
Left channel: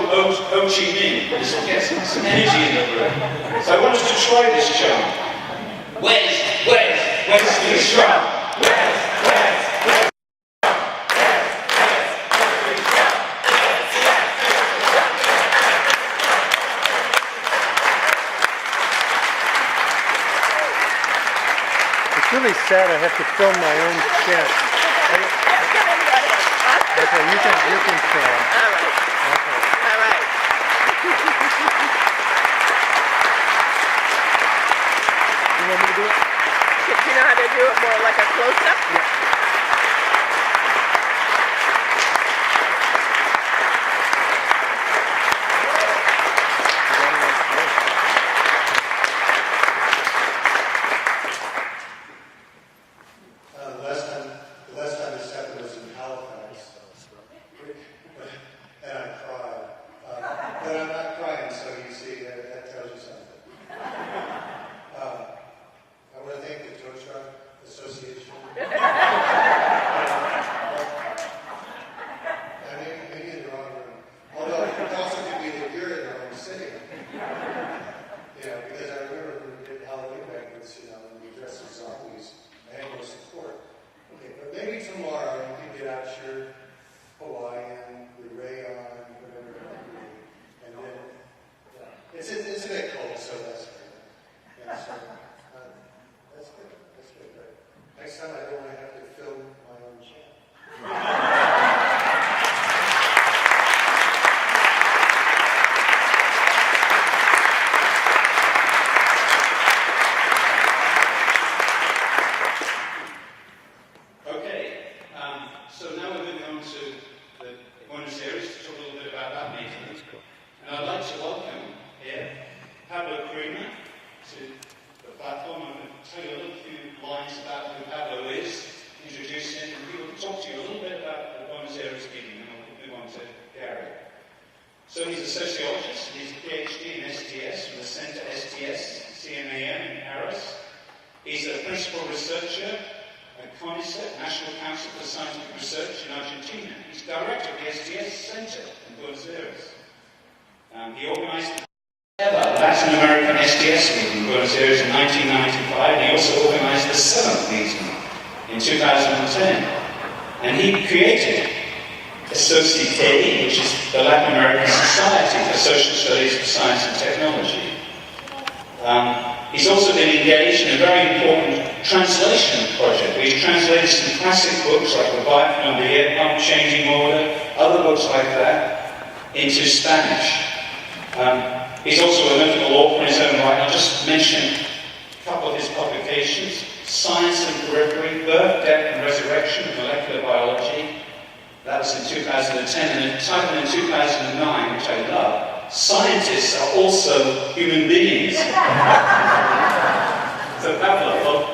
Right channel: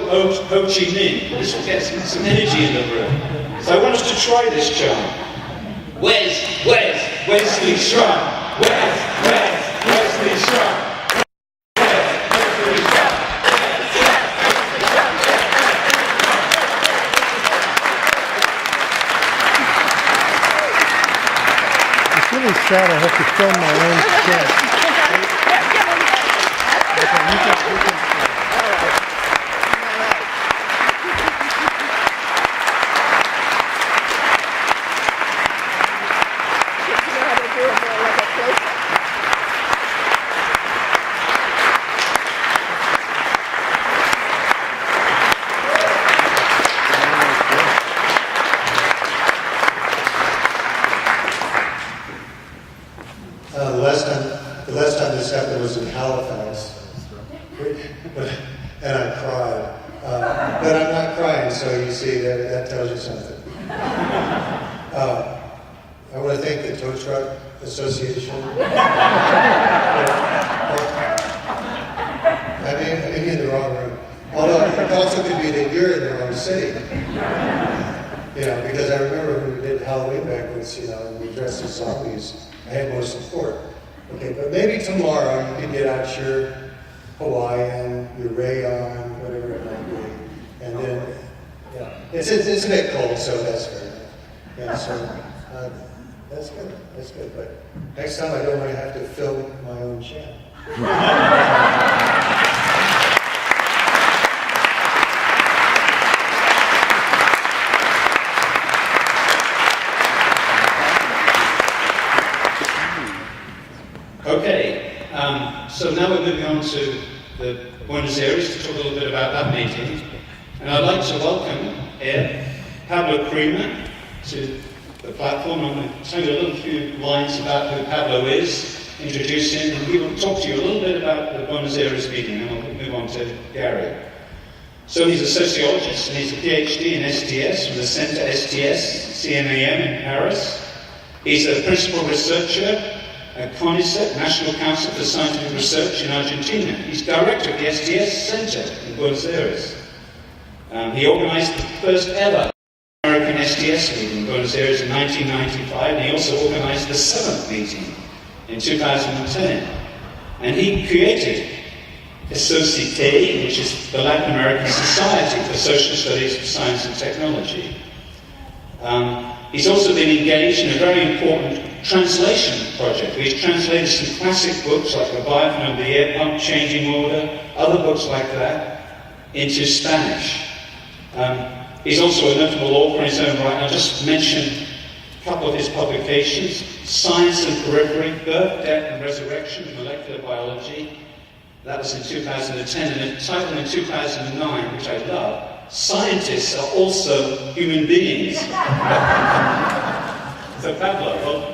Chi Minh. This will get some energy in the room. So I want us to try this chant. Wesley Shrunk. Wesley Shrunk. Sad, I have to film my own shit. The last time this happened was in Halifax, and I cried. But I'm not crying, so you see, that tells you something. I want to thank the Tow Truck Association. I may be in the wrong room. Although it also could be that you're in the wrong city. You know, because I remember when we did Halloween banquets, you know, and we dressed as zombies, I had more support. Okay, but maybe tomorrow you can get out your Hawaiian, your rayon, whatever it might be, and then, yeah, it's a bit cold, so that's fair. Yeah, so that's good. But next time I don't want to have to film my own chant. Okay, so now we're moving on to the Buenos Aires to talk a little bit about that meeting. And I'd like to welcome here Pablo Creamer to the platform. I'm going to tell you a little few lines about who Pablo is, introduce him, and he will talk to you a little bit about the Buenos Aires meeting, and we'll move on to Gary. So he's a sociologist, and he's a PhD in STS from the Center STS, CNAM in Paris. He's a principal researcher at CONICET, National Council for Scientific Research in Argentina. He's director of the STS Center in Buenos Aires. He organized the first ever Latin American STS meeting in Buenos Aires in 1995, and he also organized the 7th meeting in 2010. And he created SOCITE, which is the Latin American Society for Social Studies of Science and Technology. He's also been engaged in a very important translation project, where he's translated some classic books like Leviathan and the Air Pump Changing Order, other books like that, into Spanish. He's also a notable author in his own right. I'll just mention a couple of his publications: Science and Periphery, Birth, Death and Resurrection of Molecular Biology. That was in 2010, and a title in 2009, which I love, Scientists Are Also Human Beings. So Pablo, well,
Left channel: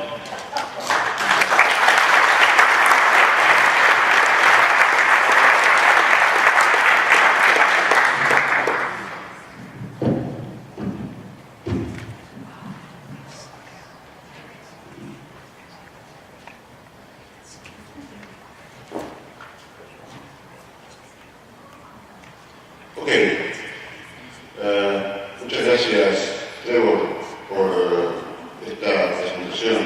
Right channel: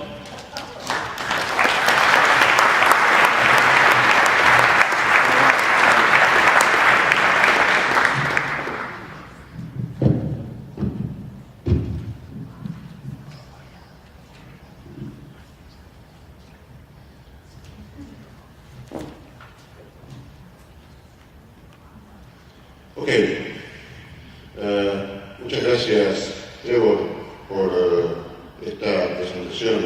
Ok, muchas gracias, Trevor, por esta presentación.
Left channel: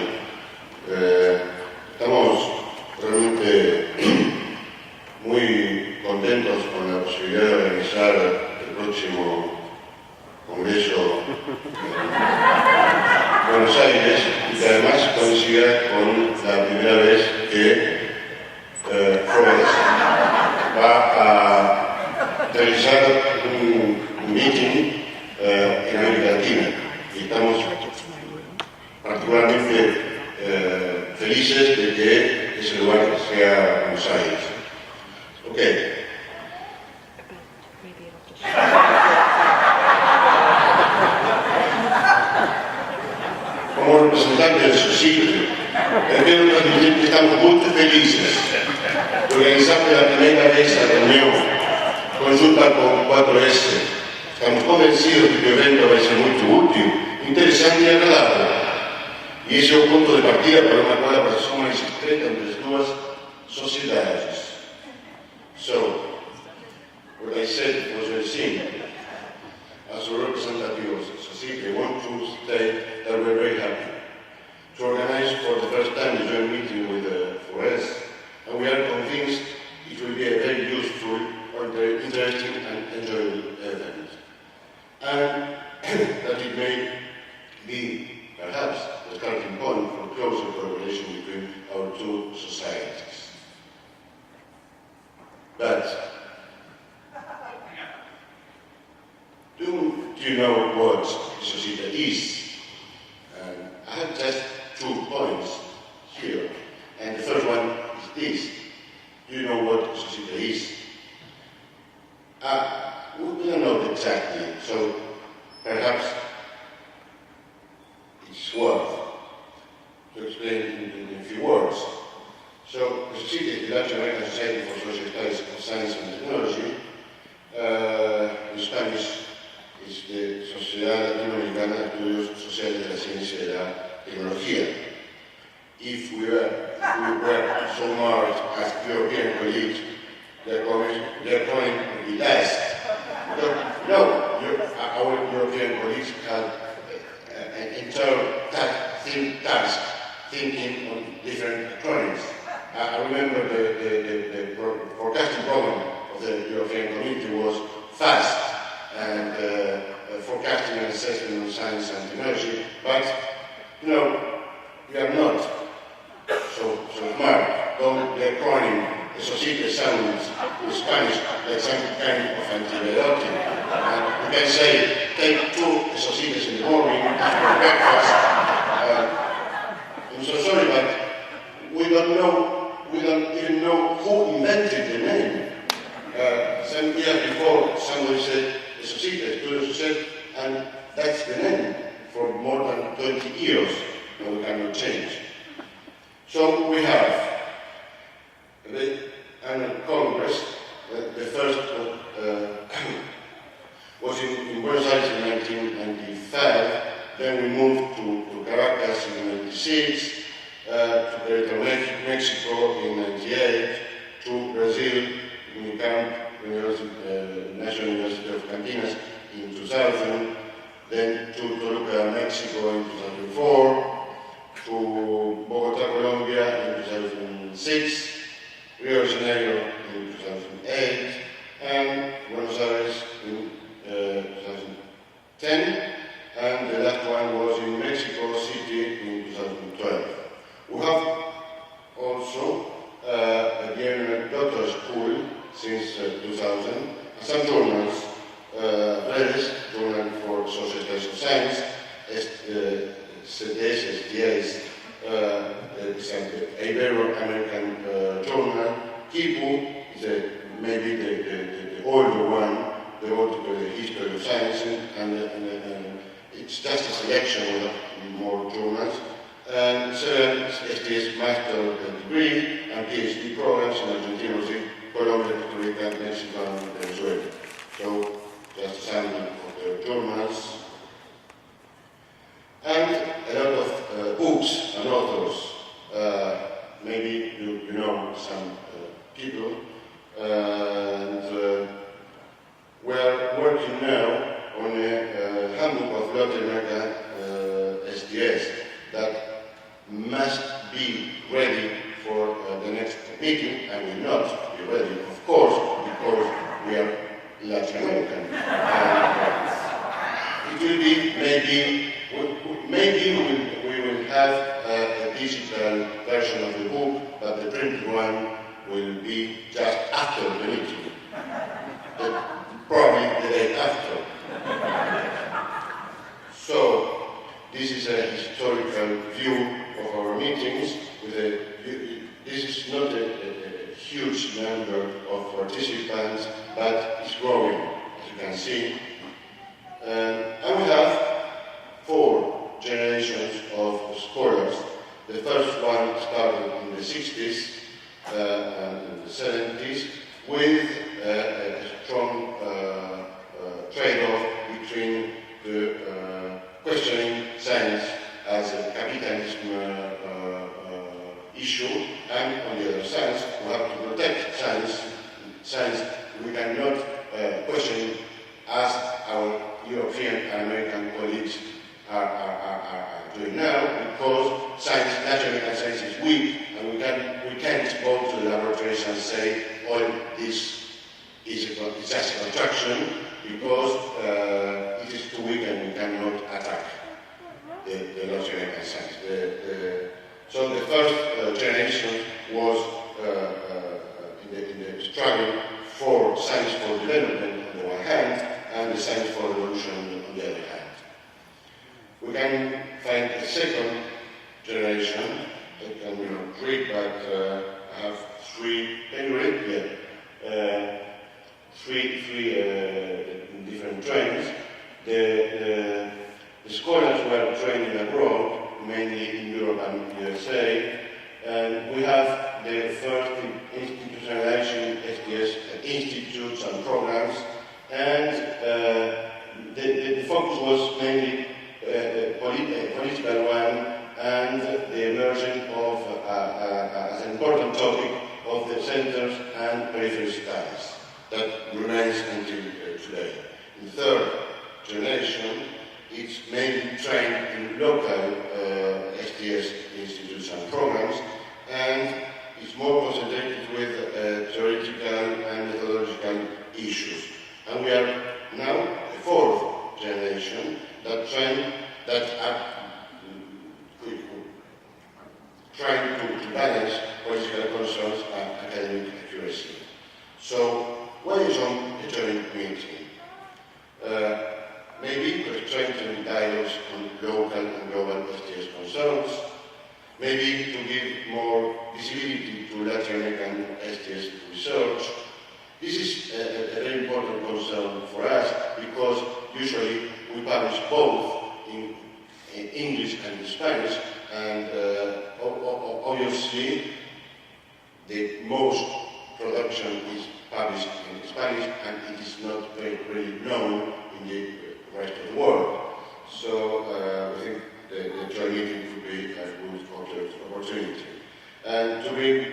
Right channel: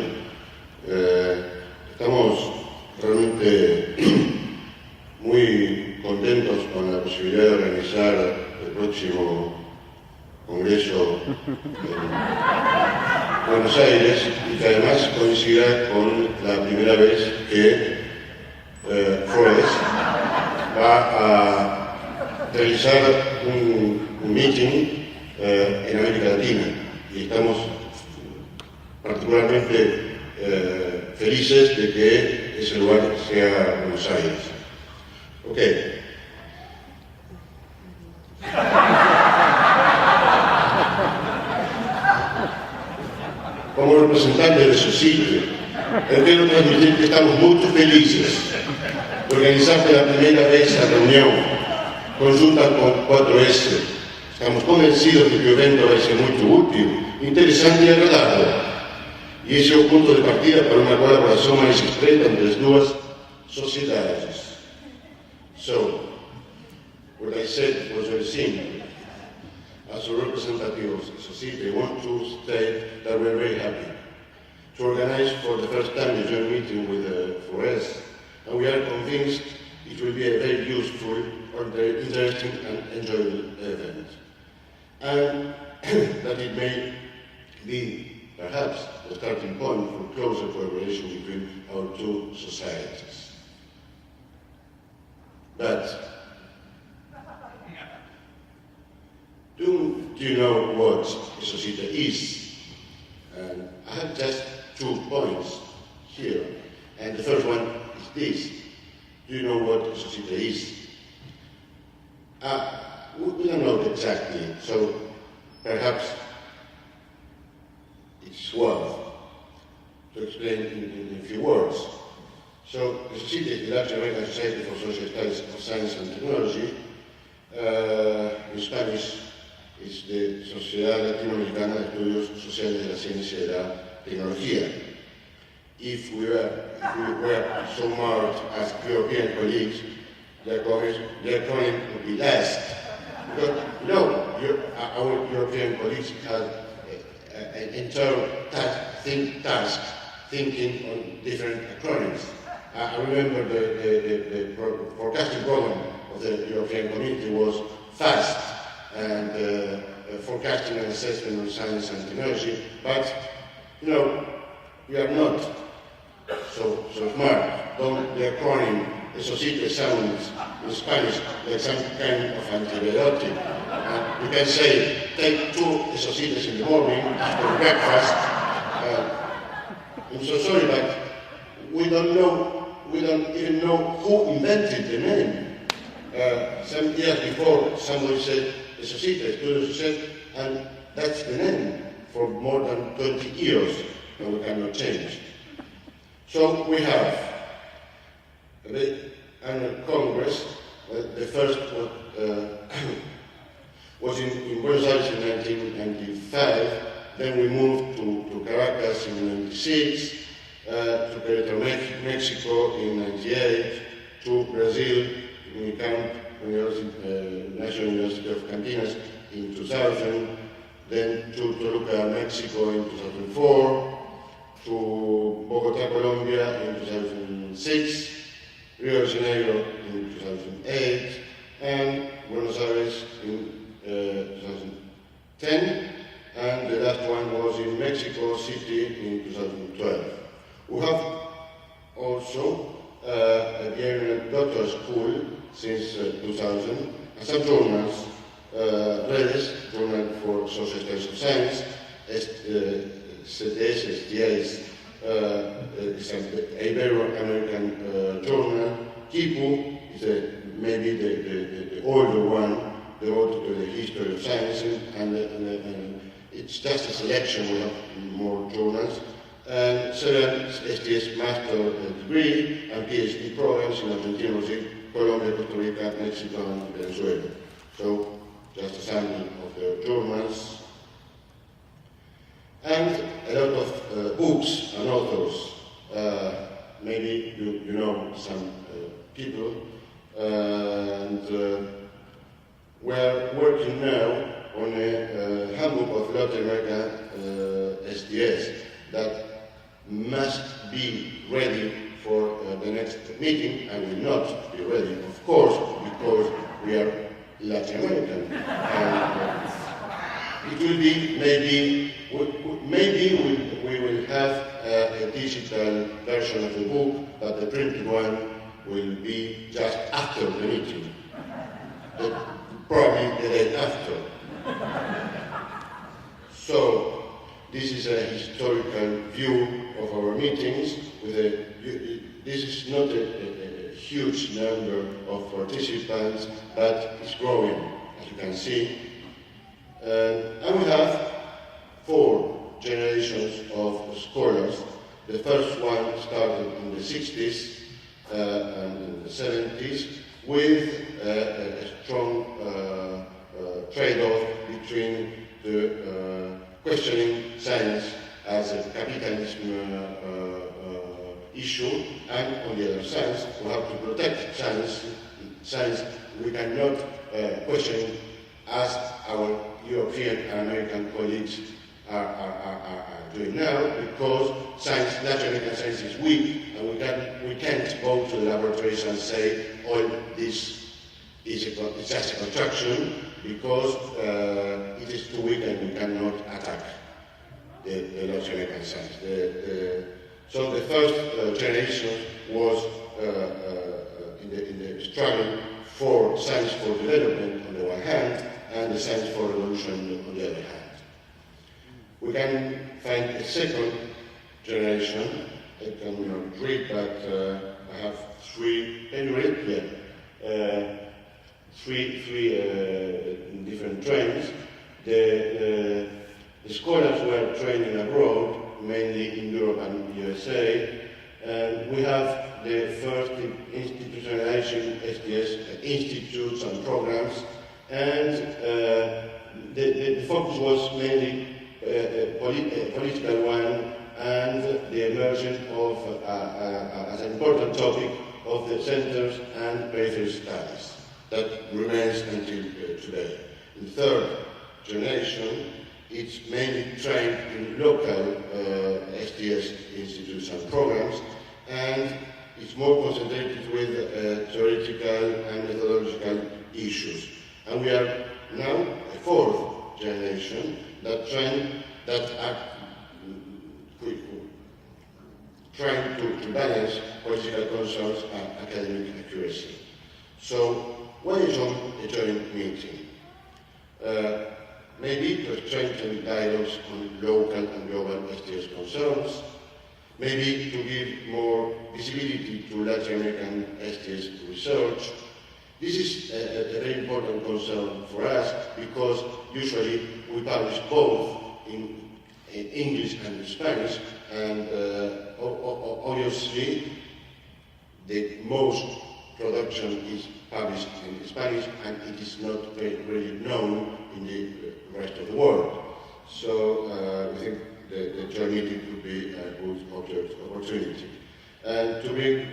Estamos realmente muy contentos con la posibilidad de organizar el próximo congreso Buenos Aires y que además coincida con la primera vez que Flores va a realizar un meeting en América Latina y estamos particularmente felices de que ese lugar sea Buenos Aires. Ok. Como representante de su sitio, quiero transmitir que estamos muy felices de organizar por la primera vez la reunión conjunta con 4S. Estamos convencidos de que el evento va a ser muy útil, interesante y agradable. Y ese es el punto de partida para una colaboración más estreita entre las dos sociedades. So, what I said was very simple. As a representative of the society, I want to state that we're very happy to organize for the first time a joint meeting with Flores, and we are convinced it will be a very useful, interesting and enjoyable event. And that it may be, perhaps, the starting point for closer collaboration between our two societies. But do you know what a society is? I have just 2 points here, and the first one is this. Do you know what a society is? We don't know exactly, so perhaps it's worth to explain in a few words. So, the society is the Latin American Society for Social Studies of Science and Technology. In Spanish, es de Sociedad Latinoamericana de Estudios Sociales de la Ciencia y de la Tecnología. If we were so marked as European colleagues, the acronym would be asked. No, our European colleagues have an entire task thinking on different acronyms. I remember the forecasting program of the European Community was FAST, and forecasting and assessment of science and technology, but, you know, we are not so smart. The acronym, the society sounds in Spanish like some kind of antibiotic. And you can say, take 2 societies in the morning after breakfast. I'm so sorry, but we don't even know who invented the name. Some years before, somebody said, the society, Estudios Sociales, and that's the name for more than 20 years, and we cannot change. So we have the annual Congress. The first was in Buenos Aires in 1995, then we moved to Caracas in 96, to Querétaro, Mexico in 98, to Brazil in Camp, National University of Campinas in 2000, then to Toluca, Mexico in 2004, to Bogotá, Colombia in 2006, Rio de Janeiro in 2008, and Buenos Aires in 2010, and the last one was in Mexico City in 2012. We have also a Vienna Doctoral School since 2000, and some journals, Redes, Journal for Social Studies of Science, CTS, STS, is an Ibero-American journal. Kipu is maybe the older one, devoted to the history of science, and it's just a selection, we have more journals. And several STS master degree and PhD programs in Argentina, Colombia, Costa Rica, Mexico, and Venezuela. So, just a sample of the journals. And a lot of books and authors. Maybe you know some people. And we're working now on a handbook of Latin America STS that must be ready for the next meeting, and will not be ready, of course, because we are Latin American. And it will be maybe maybe we will have a digital version of the book, but the printed one will be just after the meeting, probably the day after. So this is a historical view of our meetings. This is not a huge number of participants, but it's growing, as you can see. And we have 4 generations of scholars. The first one started in the 60s and the 70s with a strong trade-off between the questioning science as a capitalism issue, and on the other side, we have to protect science. Science we cannot question as our European and American colleagues are doing now, because science, natural and science is weak, and we can't go to the laboratories and say, all this is just a construction, because it is too weak and we cannot attack the natural and science. So the first generation was in the struggle for science for development on the one hand, and the science for revolution on the other hand. We can find a second generation. I can read, but I have 3. Can you read? Yeah. Three different trains. The scholars were training abroad, mainly in Europe and USA, and we have the first institutionalization STS institutes and programs, and the focus was mainly a political one, and the emergence of, as an important topic, of the centers and periphery studies. That remains until today. In third generation, it's mainly trained in local STS institutes and programs, and it's more concentrated with theoretical and methodological issues. And we are now a 4th generation that are trying to balance political concerns and academic accuracy. So, why is a joint meeting? Maybe to strengthen dialogues on local and global STS concerns, maybe to give more visibility to Latin American STS research. This is a very important concern for us, because usually we publish both in English and in Spanish, and obviously the most production is published in Spanish, and it is not really known in the rest of the world. So we think the joint meeting could be a good opportunity. And to bring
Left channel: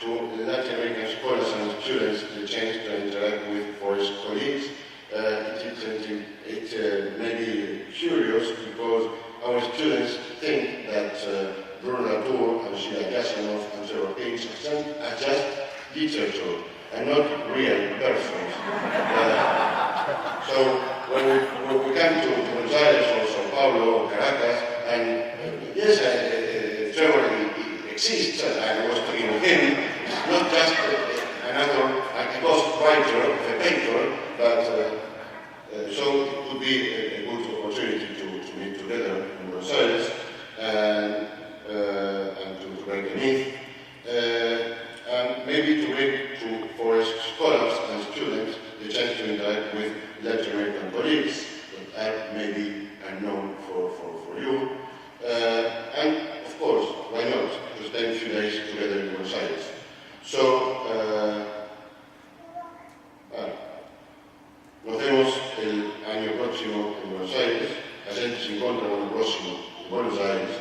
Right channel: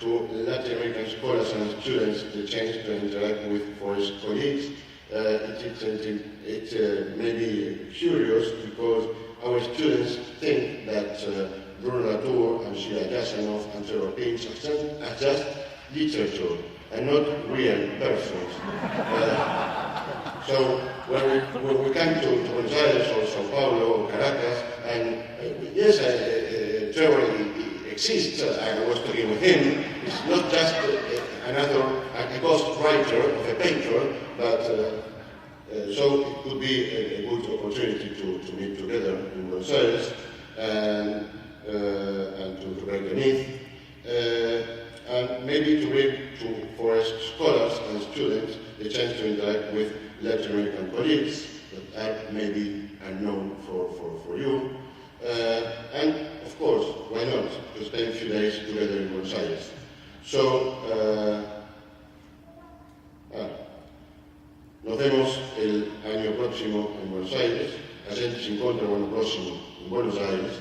to Latin American scholars and students the chance to interact with forest colleagues, it may be curious, because our students think that Bruno Latour and Sheila Jasanoff and Trevor Pinch are just literature and not real persons. So when we come to Buenos Aires or Sao Paulo or Caracas, and yes, Trevor exists, I was talking with him, it's not just another ghost writer of a painter, but so it would be a good opportunity to meet together in Buenos Aires and to break the myth. And maybe to bring to forest scholars and students the chance to interact with Latin American colleagues that are maybe unknown for you. And of course, why not, to spend a few days together in Buenos Aires. So, nos vemos el año próximo en Buenos Aires, la gente se encuentra el año próximo en Buenos Aires,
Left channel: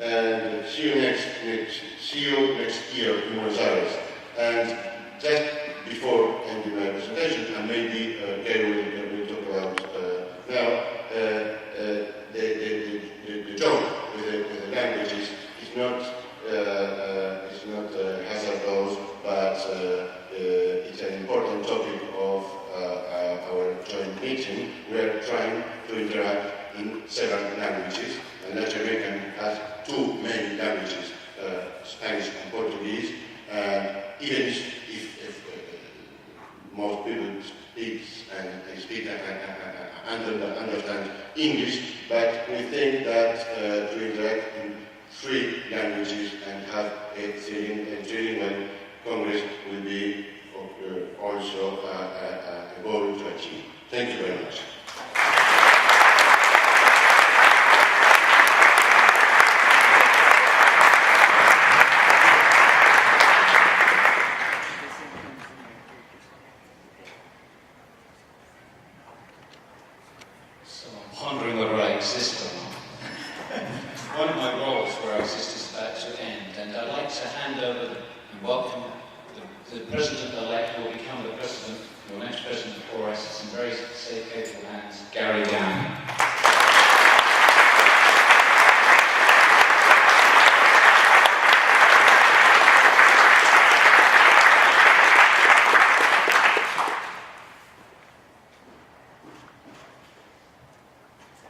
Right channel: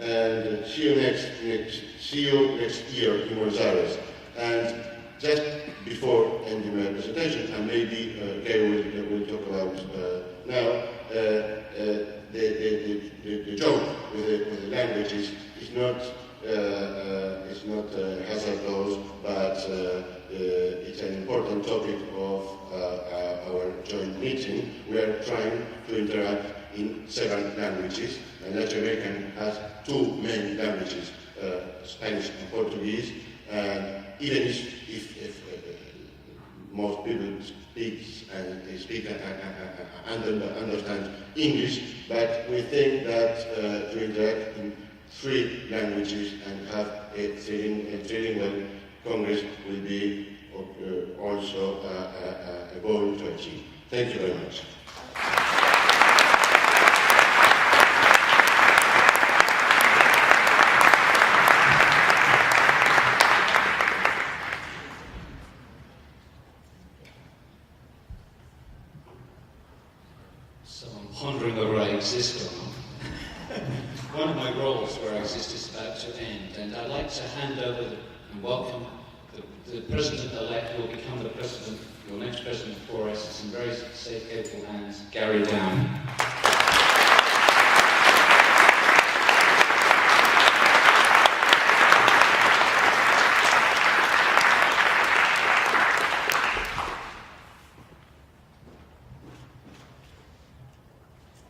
and see you next year in Buenos Aires. And just before ending my presentation, and maybe Gary will talk about now, the joke with the languages is not hazardous, but it's an important topic of our joint meeting. We are trying to interact in several languages. And Latin American has two main languages, Spanish and Portuguese. Even if most people speak and understand English, but we think that to interact in three languages and have a trilingual Congress will be also a goal to achieve. Thank you very much. So I'm pondering whether I exist or not. One of my roles where I exist is about to end, and I'd like to hand over and welcome the President-elect who will become the President, your next President for us. It's in very safe, capable hands, Gary Downey.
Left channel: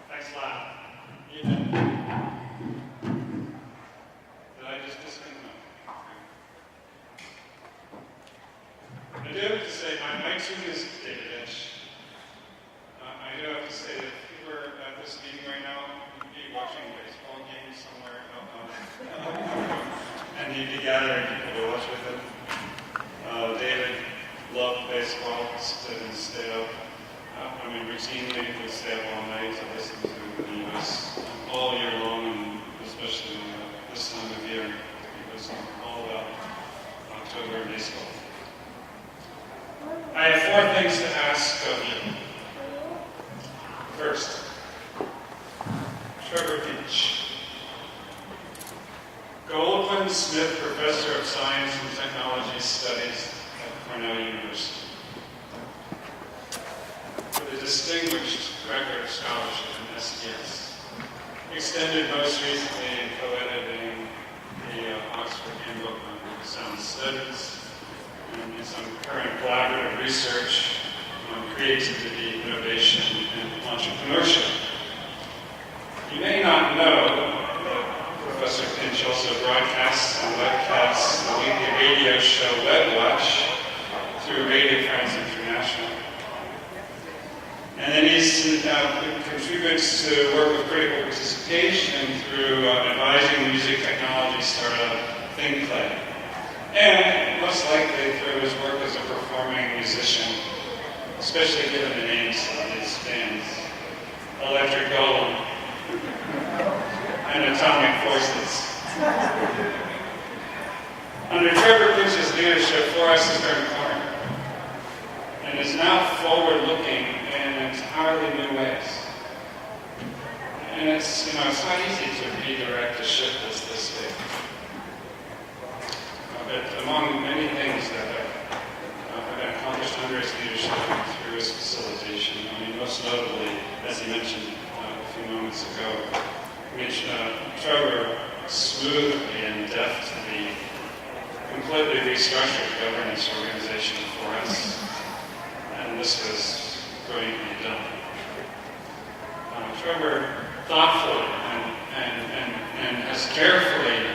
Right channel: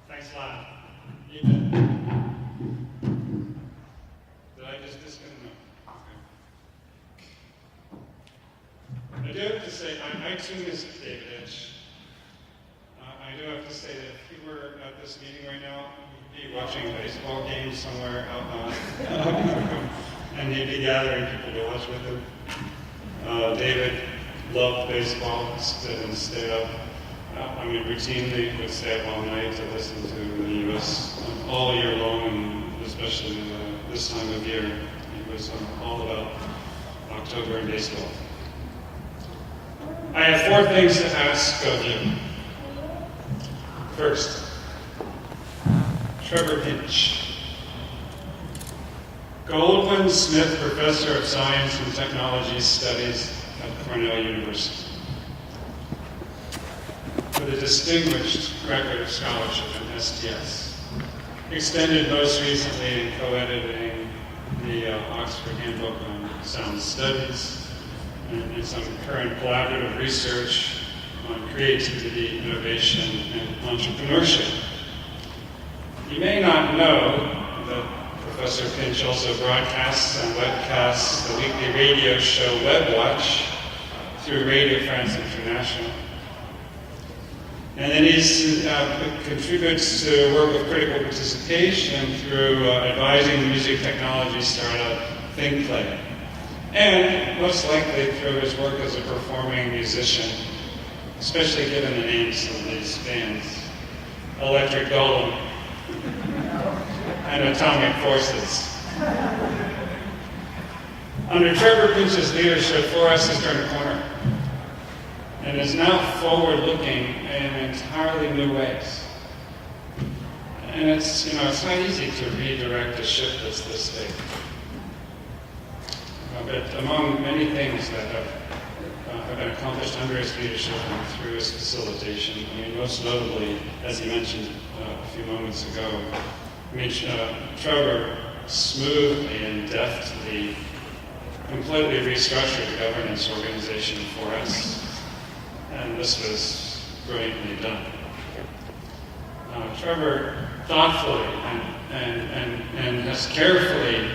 Thanks a lot. Evening. Did I just disconnect? No. Okay. I do have to say, I too is David Inch. I do have to say that if you were at this meeting right now, you'd be watching a baseball game somewhere out on, and you'd be gathering people to watch with him. David loved baseball, stood and stayed up. Routinely would stay up all night to listen to the U.S. All year long, and especially this time of year. He was all about October and baseball. I have 4 things to ask of you. First, Trevor Pinch. Goldwin Smith Professor of Science and Technology Studies at Cornell University, with a distinguished record of scholarship in STS, extended most recently in co-editing the Oxford Handbook on Sound Studies, and some current collaborative research on creativity, innovation, and entrepreneurship. You may not know that Professor Pinch also broadcasts and webcasts the weekly radio show WebWatch through Radio France International. And then he contributes to the work of critical participation through advising the music technology startup ThinkPlay. And most likely through his work as a performing musician, especially given the names of these bands, Electric Golem and Atomic Forces. Under Trevor Pinch's leadership, 4S has turned a corner and is now forward-looking in entirely new ways. And it's not easy to redirect a ship that's this big. But among many things that have been accomplished under his leadership and through his facilitation, most notably, as he mentioned a few moments ago, Trevor smoothly and deftly completely restructured the governance organization for us. And this was brilliantly done. Trevor thoughtfully and has carefully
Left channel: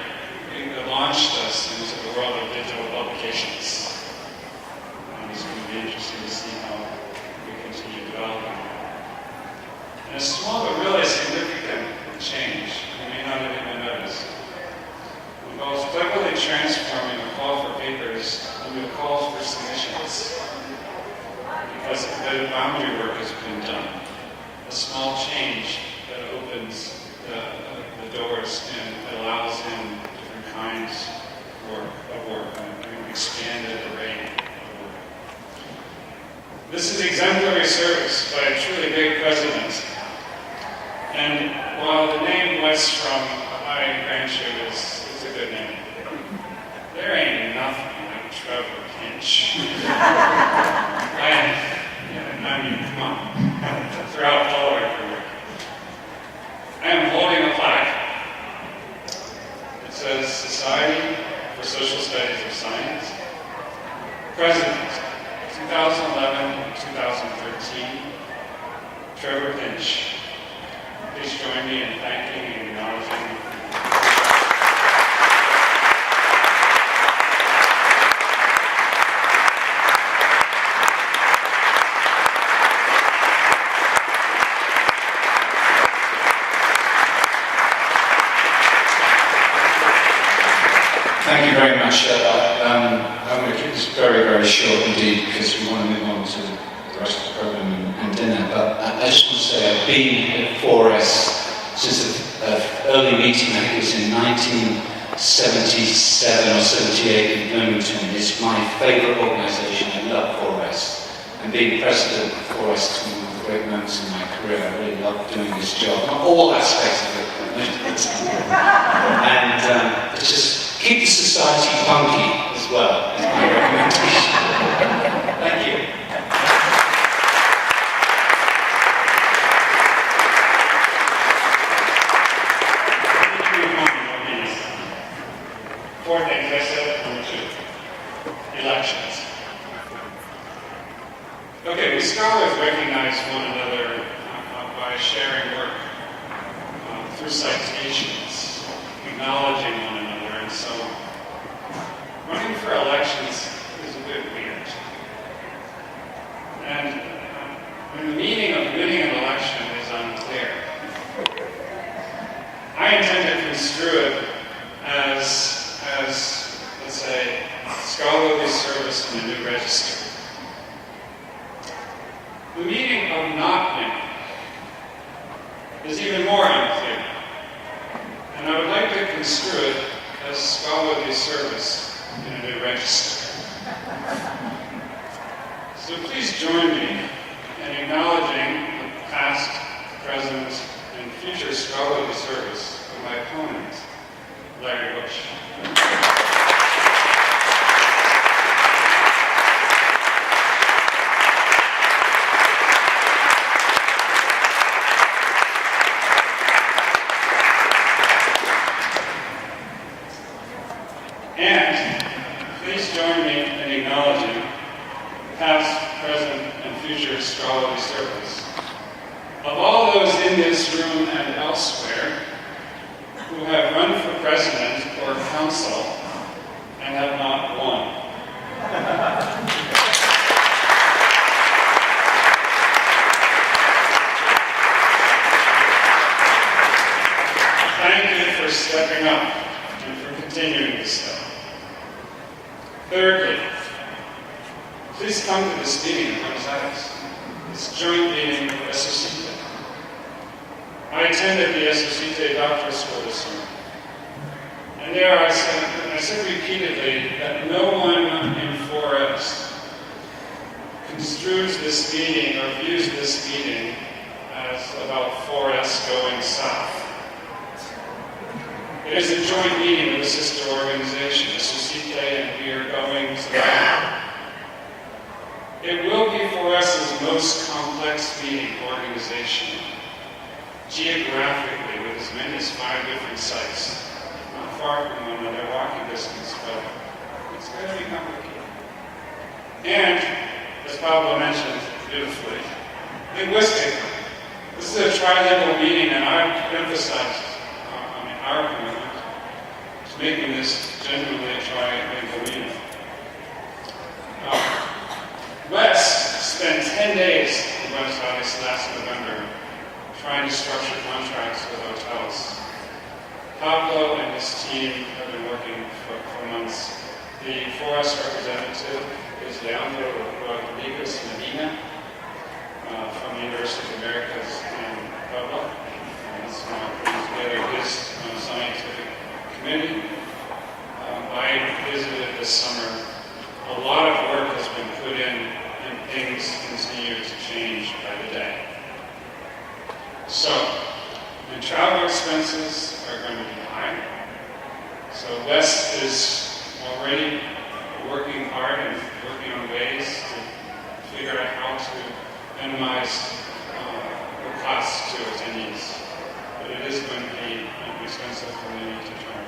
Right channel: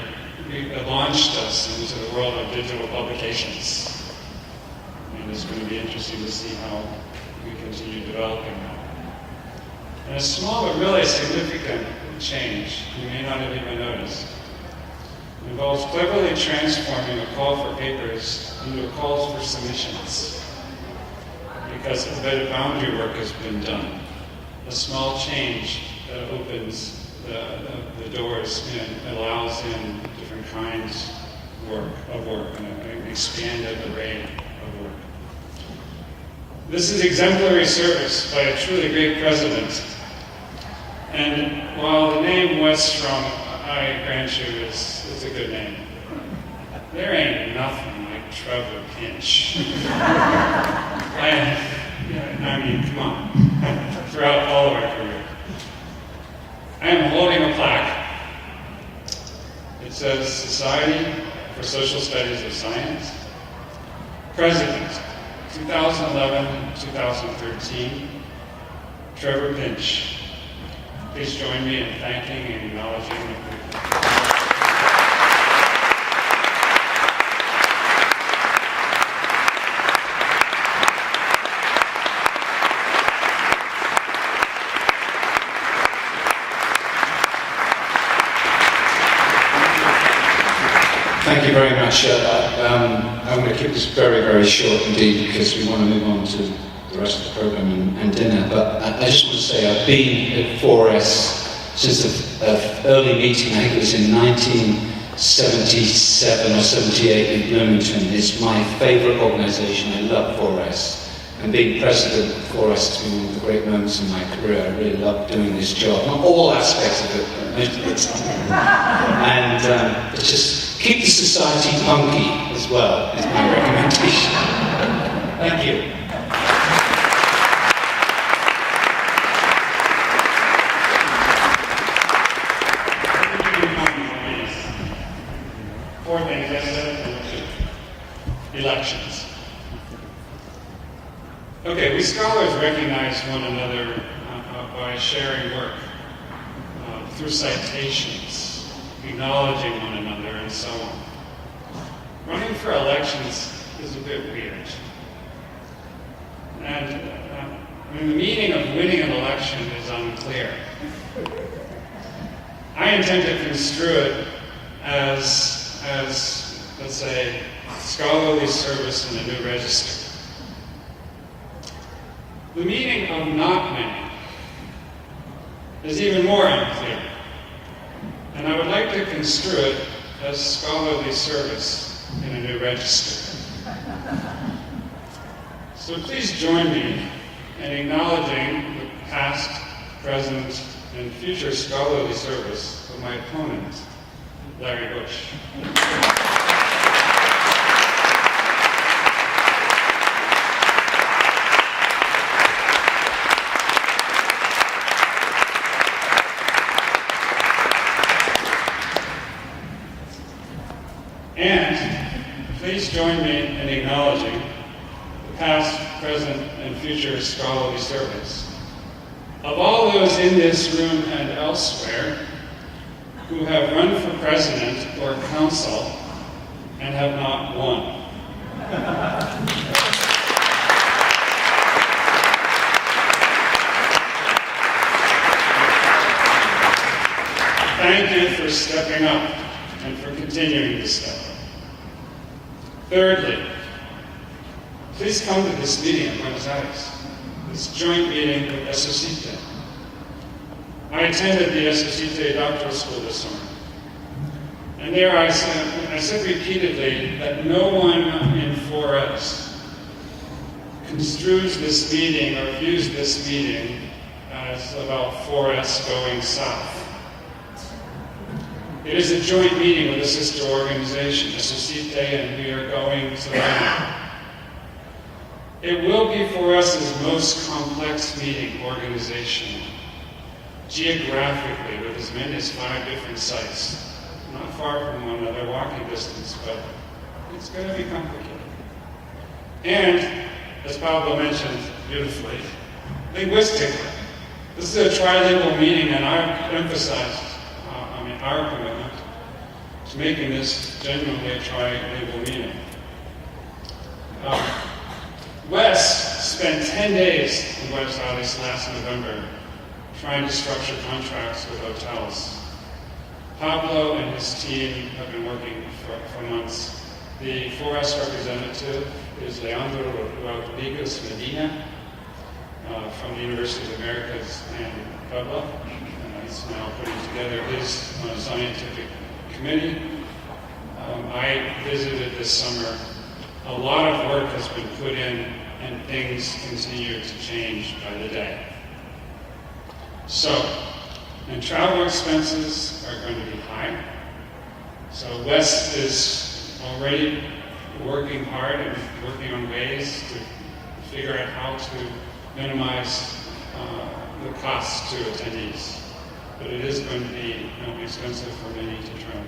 launched us into the world of digital publications. And it's going to be interesting to see how we continue developing that. And a small but really significant change, you may not have even noticed, involves cleverly transforming a call for papers into a call for submissions. Because a bit of boundary work has been done. A small change that opens the doors and allows in different kinds of work, an expanded array of work. This is exemplary service by a truly great president. And while the name Westrom, I grant you, is a good name, there ain't nothing like Trevor Pinch. Come on, throughout all of our career. I am holding a plaque. It says Society for Social Studies of Science, President, 2011-2013, Trevor Pinch. please join me in thanking and acknowledging. Thank you very much. I'm going to keep this very, very short indeed because we want to move on to the rest of the program and dinner. But I just want to say I've been at 4S since the early meeting. I think it was in 1977 or 78 in Bloomington. It's my favourite organisation. I love 4S. And being president of 4S has been one of the great moments in my career. I really love doing this job. Not all aspects of it, but most of the time. And just keep the society punky as well, is my recommendation. Thank you. Four things yesterday, elections. Okay, we scholars recognize one another by sharing work through citations, acknowledging one another, and so on. Running for elections is a bit weird. And the meaning of winning an election is unclear. I intend to construe it as let's say, scholarly service in the new register. The meaning of not winning is even more unclear, and I would like to construe it as scholarly service in a new register. So please join me in acknowledging the past, present, and future scholarly service of my opponent, Larry Bush. And please join me in acknowledging the past, present, and future scholarly service of all those in this room and elsewhere who have run for president or council and have not won. Thank you for stepping up and for continuing to step up. Thirdly, please come to this meeting in Buenos Aires, this joint meeting with Esocite. I attended the Esocite Doctoral School this summer, and there I said repeatedly that no one in 4S construes this meeting or views this meeting as about 4S going south. It is a joint meeting with a sister organization, Esocite, and we are going to that. It will be 4S's most complex meeting organizationally, geographically, with as many as 5 different sites, not far from one another, walking distance, but it's going to be complicated. And, as Pablo mentioned beautifully, linguistically, this is a trilingual meeting, and I've emphasized our commitment to making this genuinely a trilingual meeting. Wes spent 10 days in Buenos Aires last November trying to structure contracts with hotels. Pablo and his team have been working for months. The 4S representative is Leandro Rodriguez Medina from the University of the Americas in Puebla. He's now putting together his scientific committee. I visited this summer. A lot of work has been put in, and things continue to change by the day. So, and travel expenses are going to be high. So Wes is already working hard and working on ways to figure out how to minimize the costs to attendees. But it is going to be expensive for many to travel.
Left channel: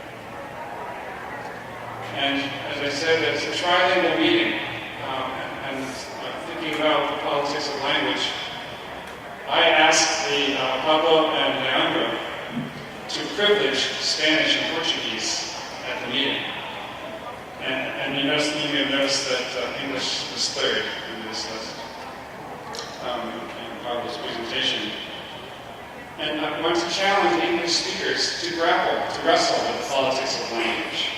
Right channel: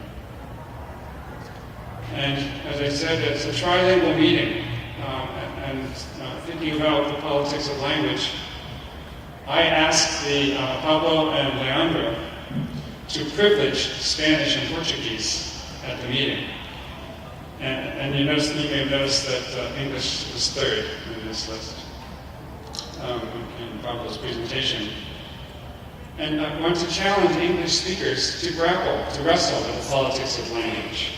And as I said, it's a trilingual meeting, and thinking about the politics of language, I asked Pablo and Leandro to privilege Spanish and Portuguese at the meeting. And you may have noticed that English was third in this list, in Pablo's presentation. And I want to challenge English speakers to wrestle with the politics of language.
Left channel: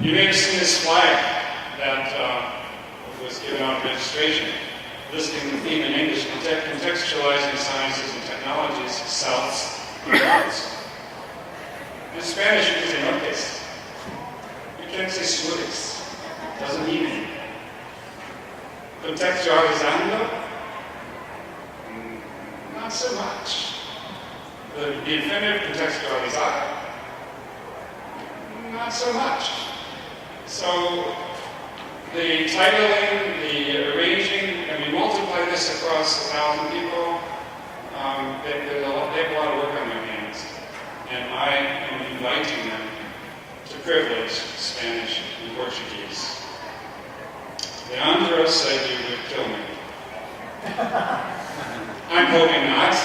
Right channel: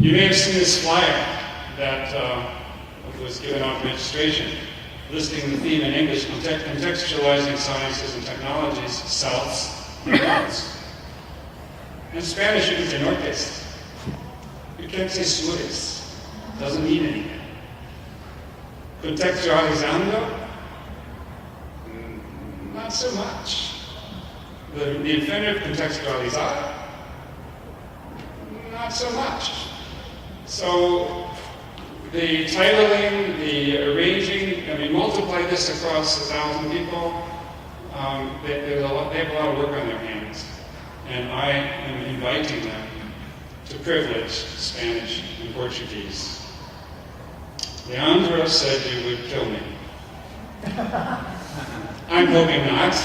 You may have seen this flyer that was given out at registration, listing the theme in English, contextualizing sciences and technologies, souths and norths. In Spanish, you can say nortes. You can't say sures. Doesn't mean anything. Contextualizando? Not so much. The infinitive contextualizar? Not so much. So the titling, the arranging, multiply this across 1,000 people, they have a lot of work on their hands. And I am inviting them to privilege Spanish and Portuguese. Leandro said you would kill me. I'm hoping not,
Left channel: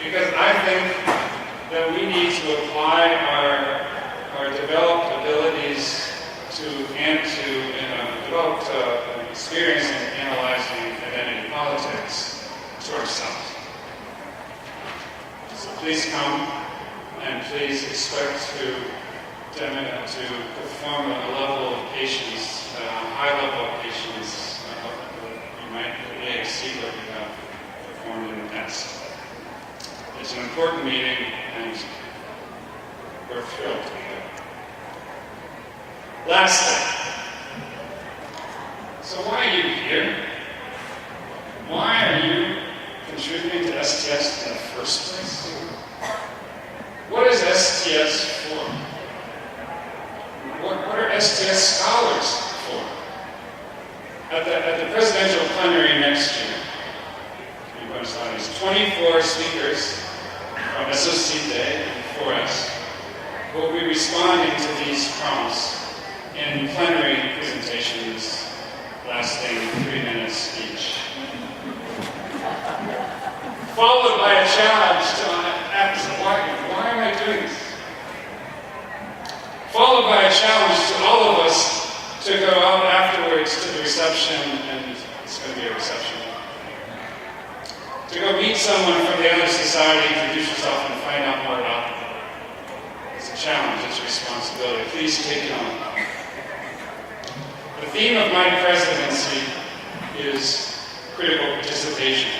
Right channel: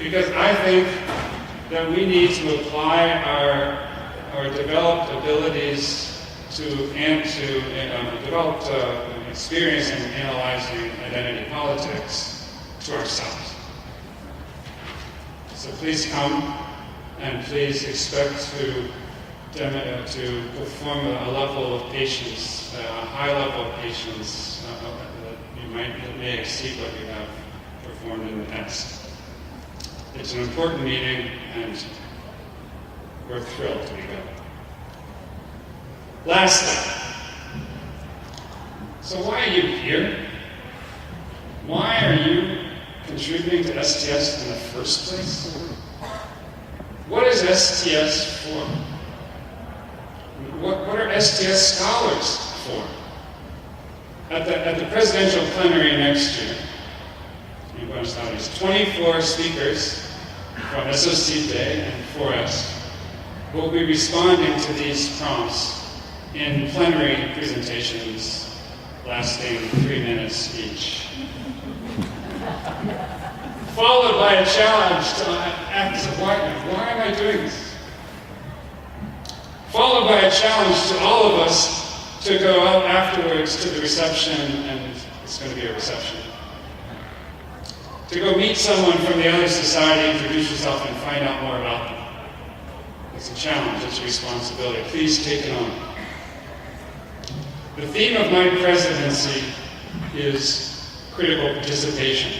because I think that we need to apply our developed abilities to developed experience in analyzing identity politics to ourselves. So please come, and please expect to perform a level of patience, a high level of patience that may exceed what you have performed in the past. It's an important meeting, and we're thrilled to be there. Lastly, so why are you here? Why are you contributing to STS in the first place? What is STS for? What are STS scholars for? At the presidential plenary next year in Buenos Aires, 24 speakers from SOCITE and 4S will be responding to these prompts in plenary presentations lasting 3 minutes each. Followed by a challenge to ask, why am I doing this? Followed by a challenge to all of us to go out afterwards to the reception, and it's going to be a reception. To go meet someone from the other society, introduce yourself, and find out more about them. It's a challenge, it's a responsibility. Please take it on. The theme of my presidency is critical participation,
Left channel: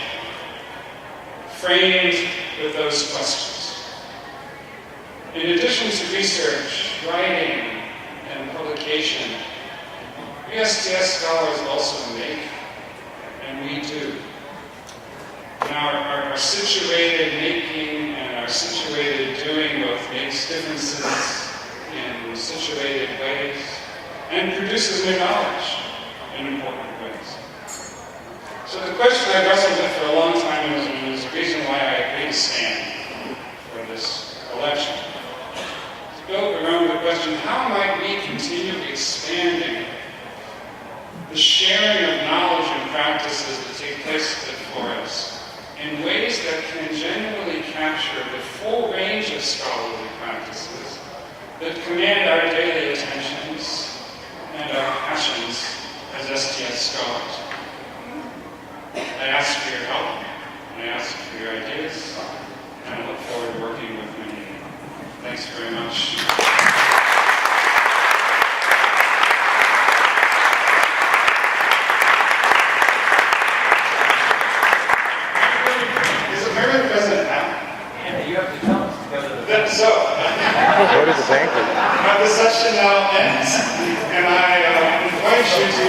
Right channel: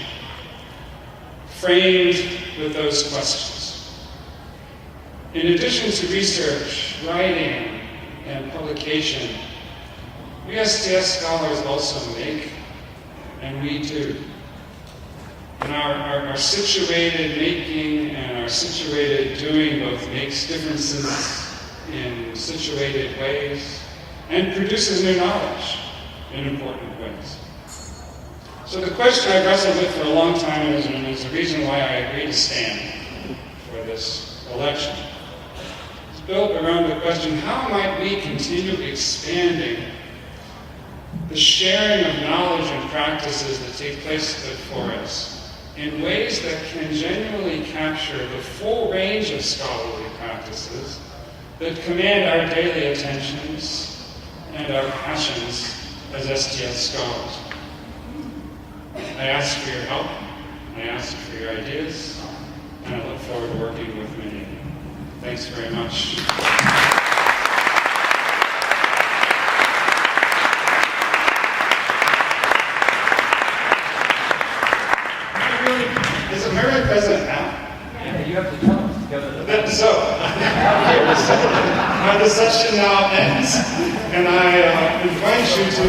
framed with those questions. In addition to research, writing, and publication, we STS scholars also make, and we do. And our situated making and our situated doing both makes differences in situated ways and produces new knowledge in important ways. So the question I've wrestled with for a long time is, and there's a reason why I agreed to stand for this election, is built around the question, how might we continue expanding the sharing of knowledge and practices that take place before us in ways that can genuinely capture the full range of scholarly practices that command our daily attentions and our passions as STS scholars. I ask for your help, I ask for your ideas, and I look forward to working with many of you. Thanks very much. Is Mary present now? Yeah, you have to tell us. So, my discussion now ends, and I invite you to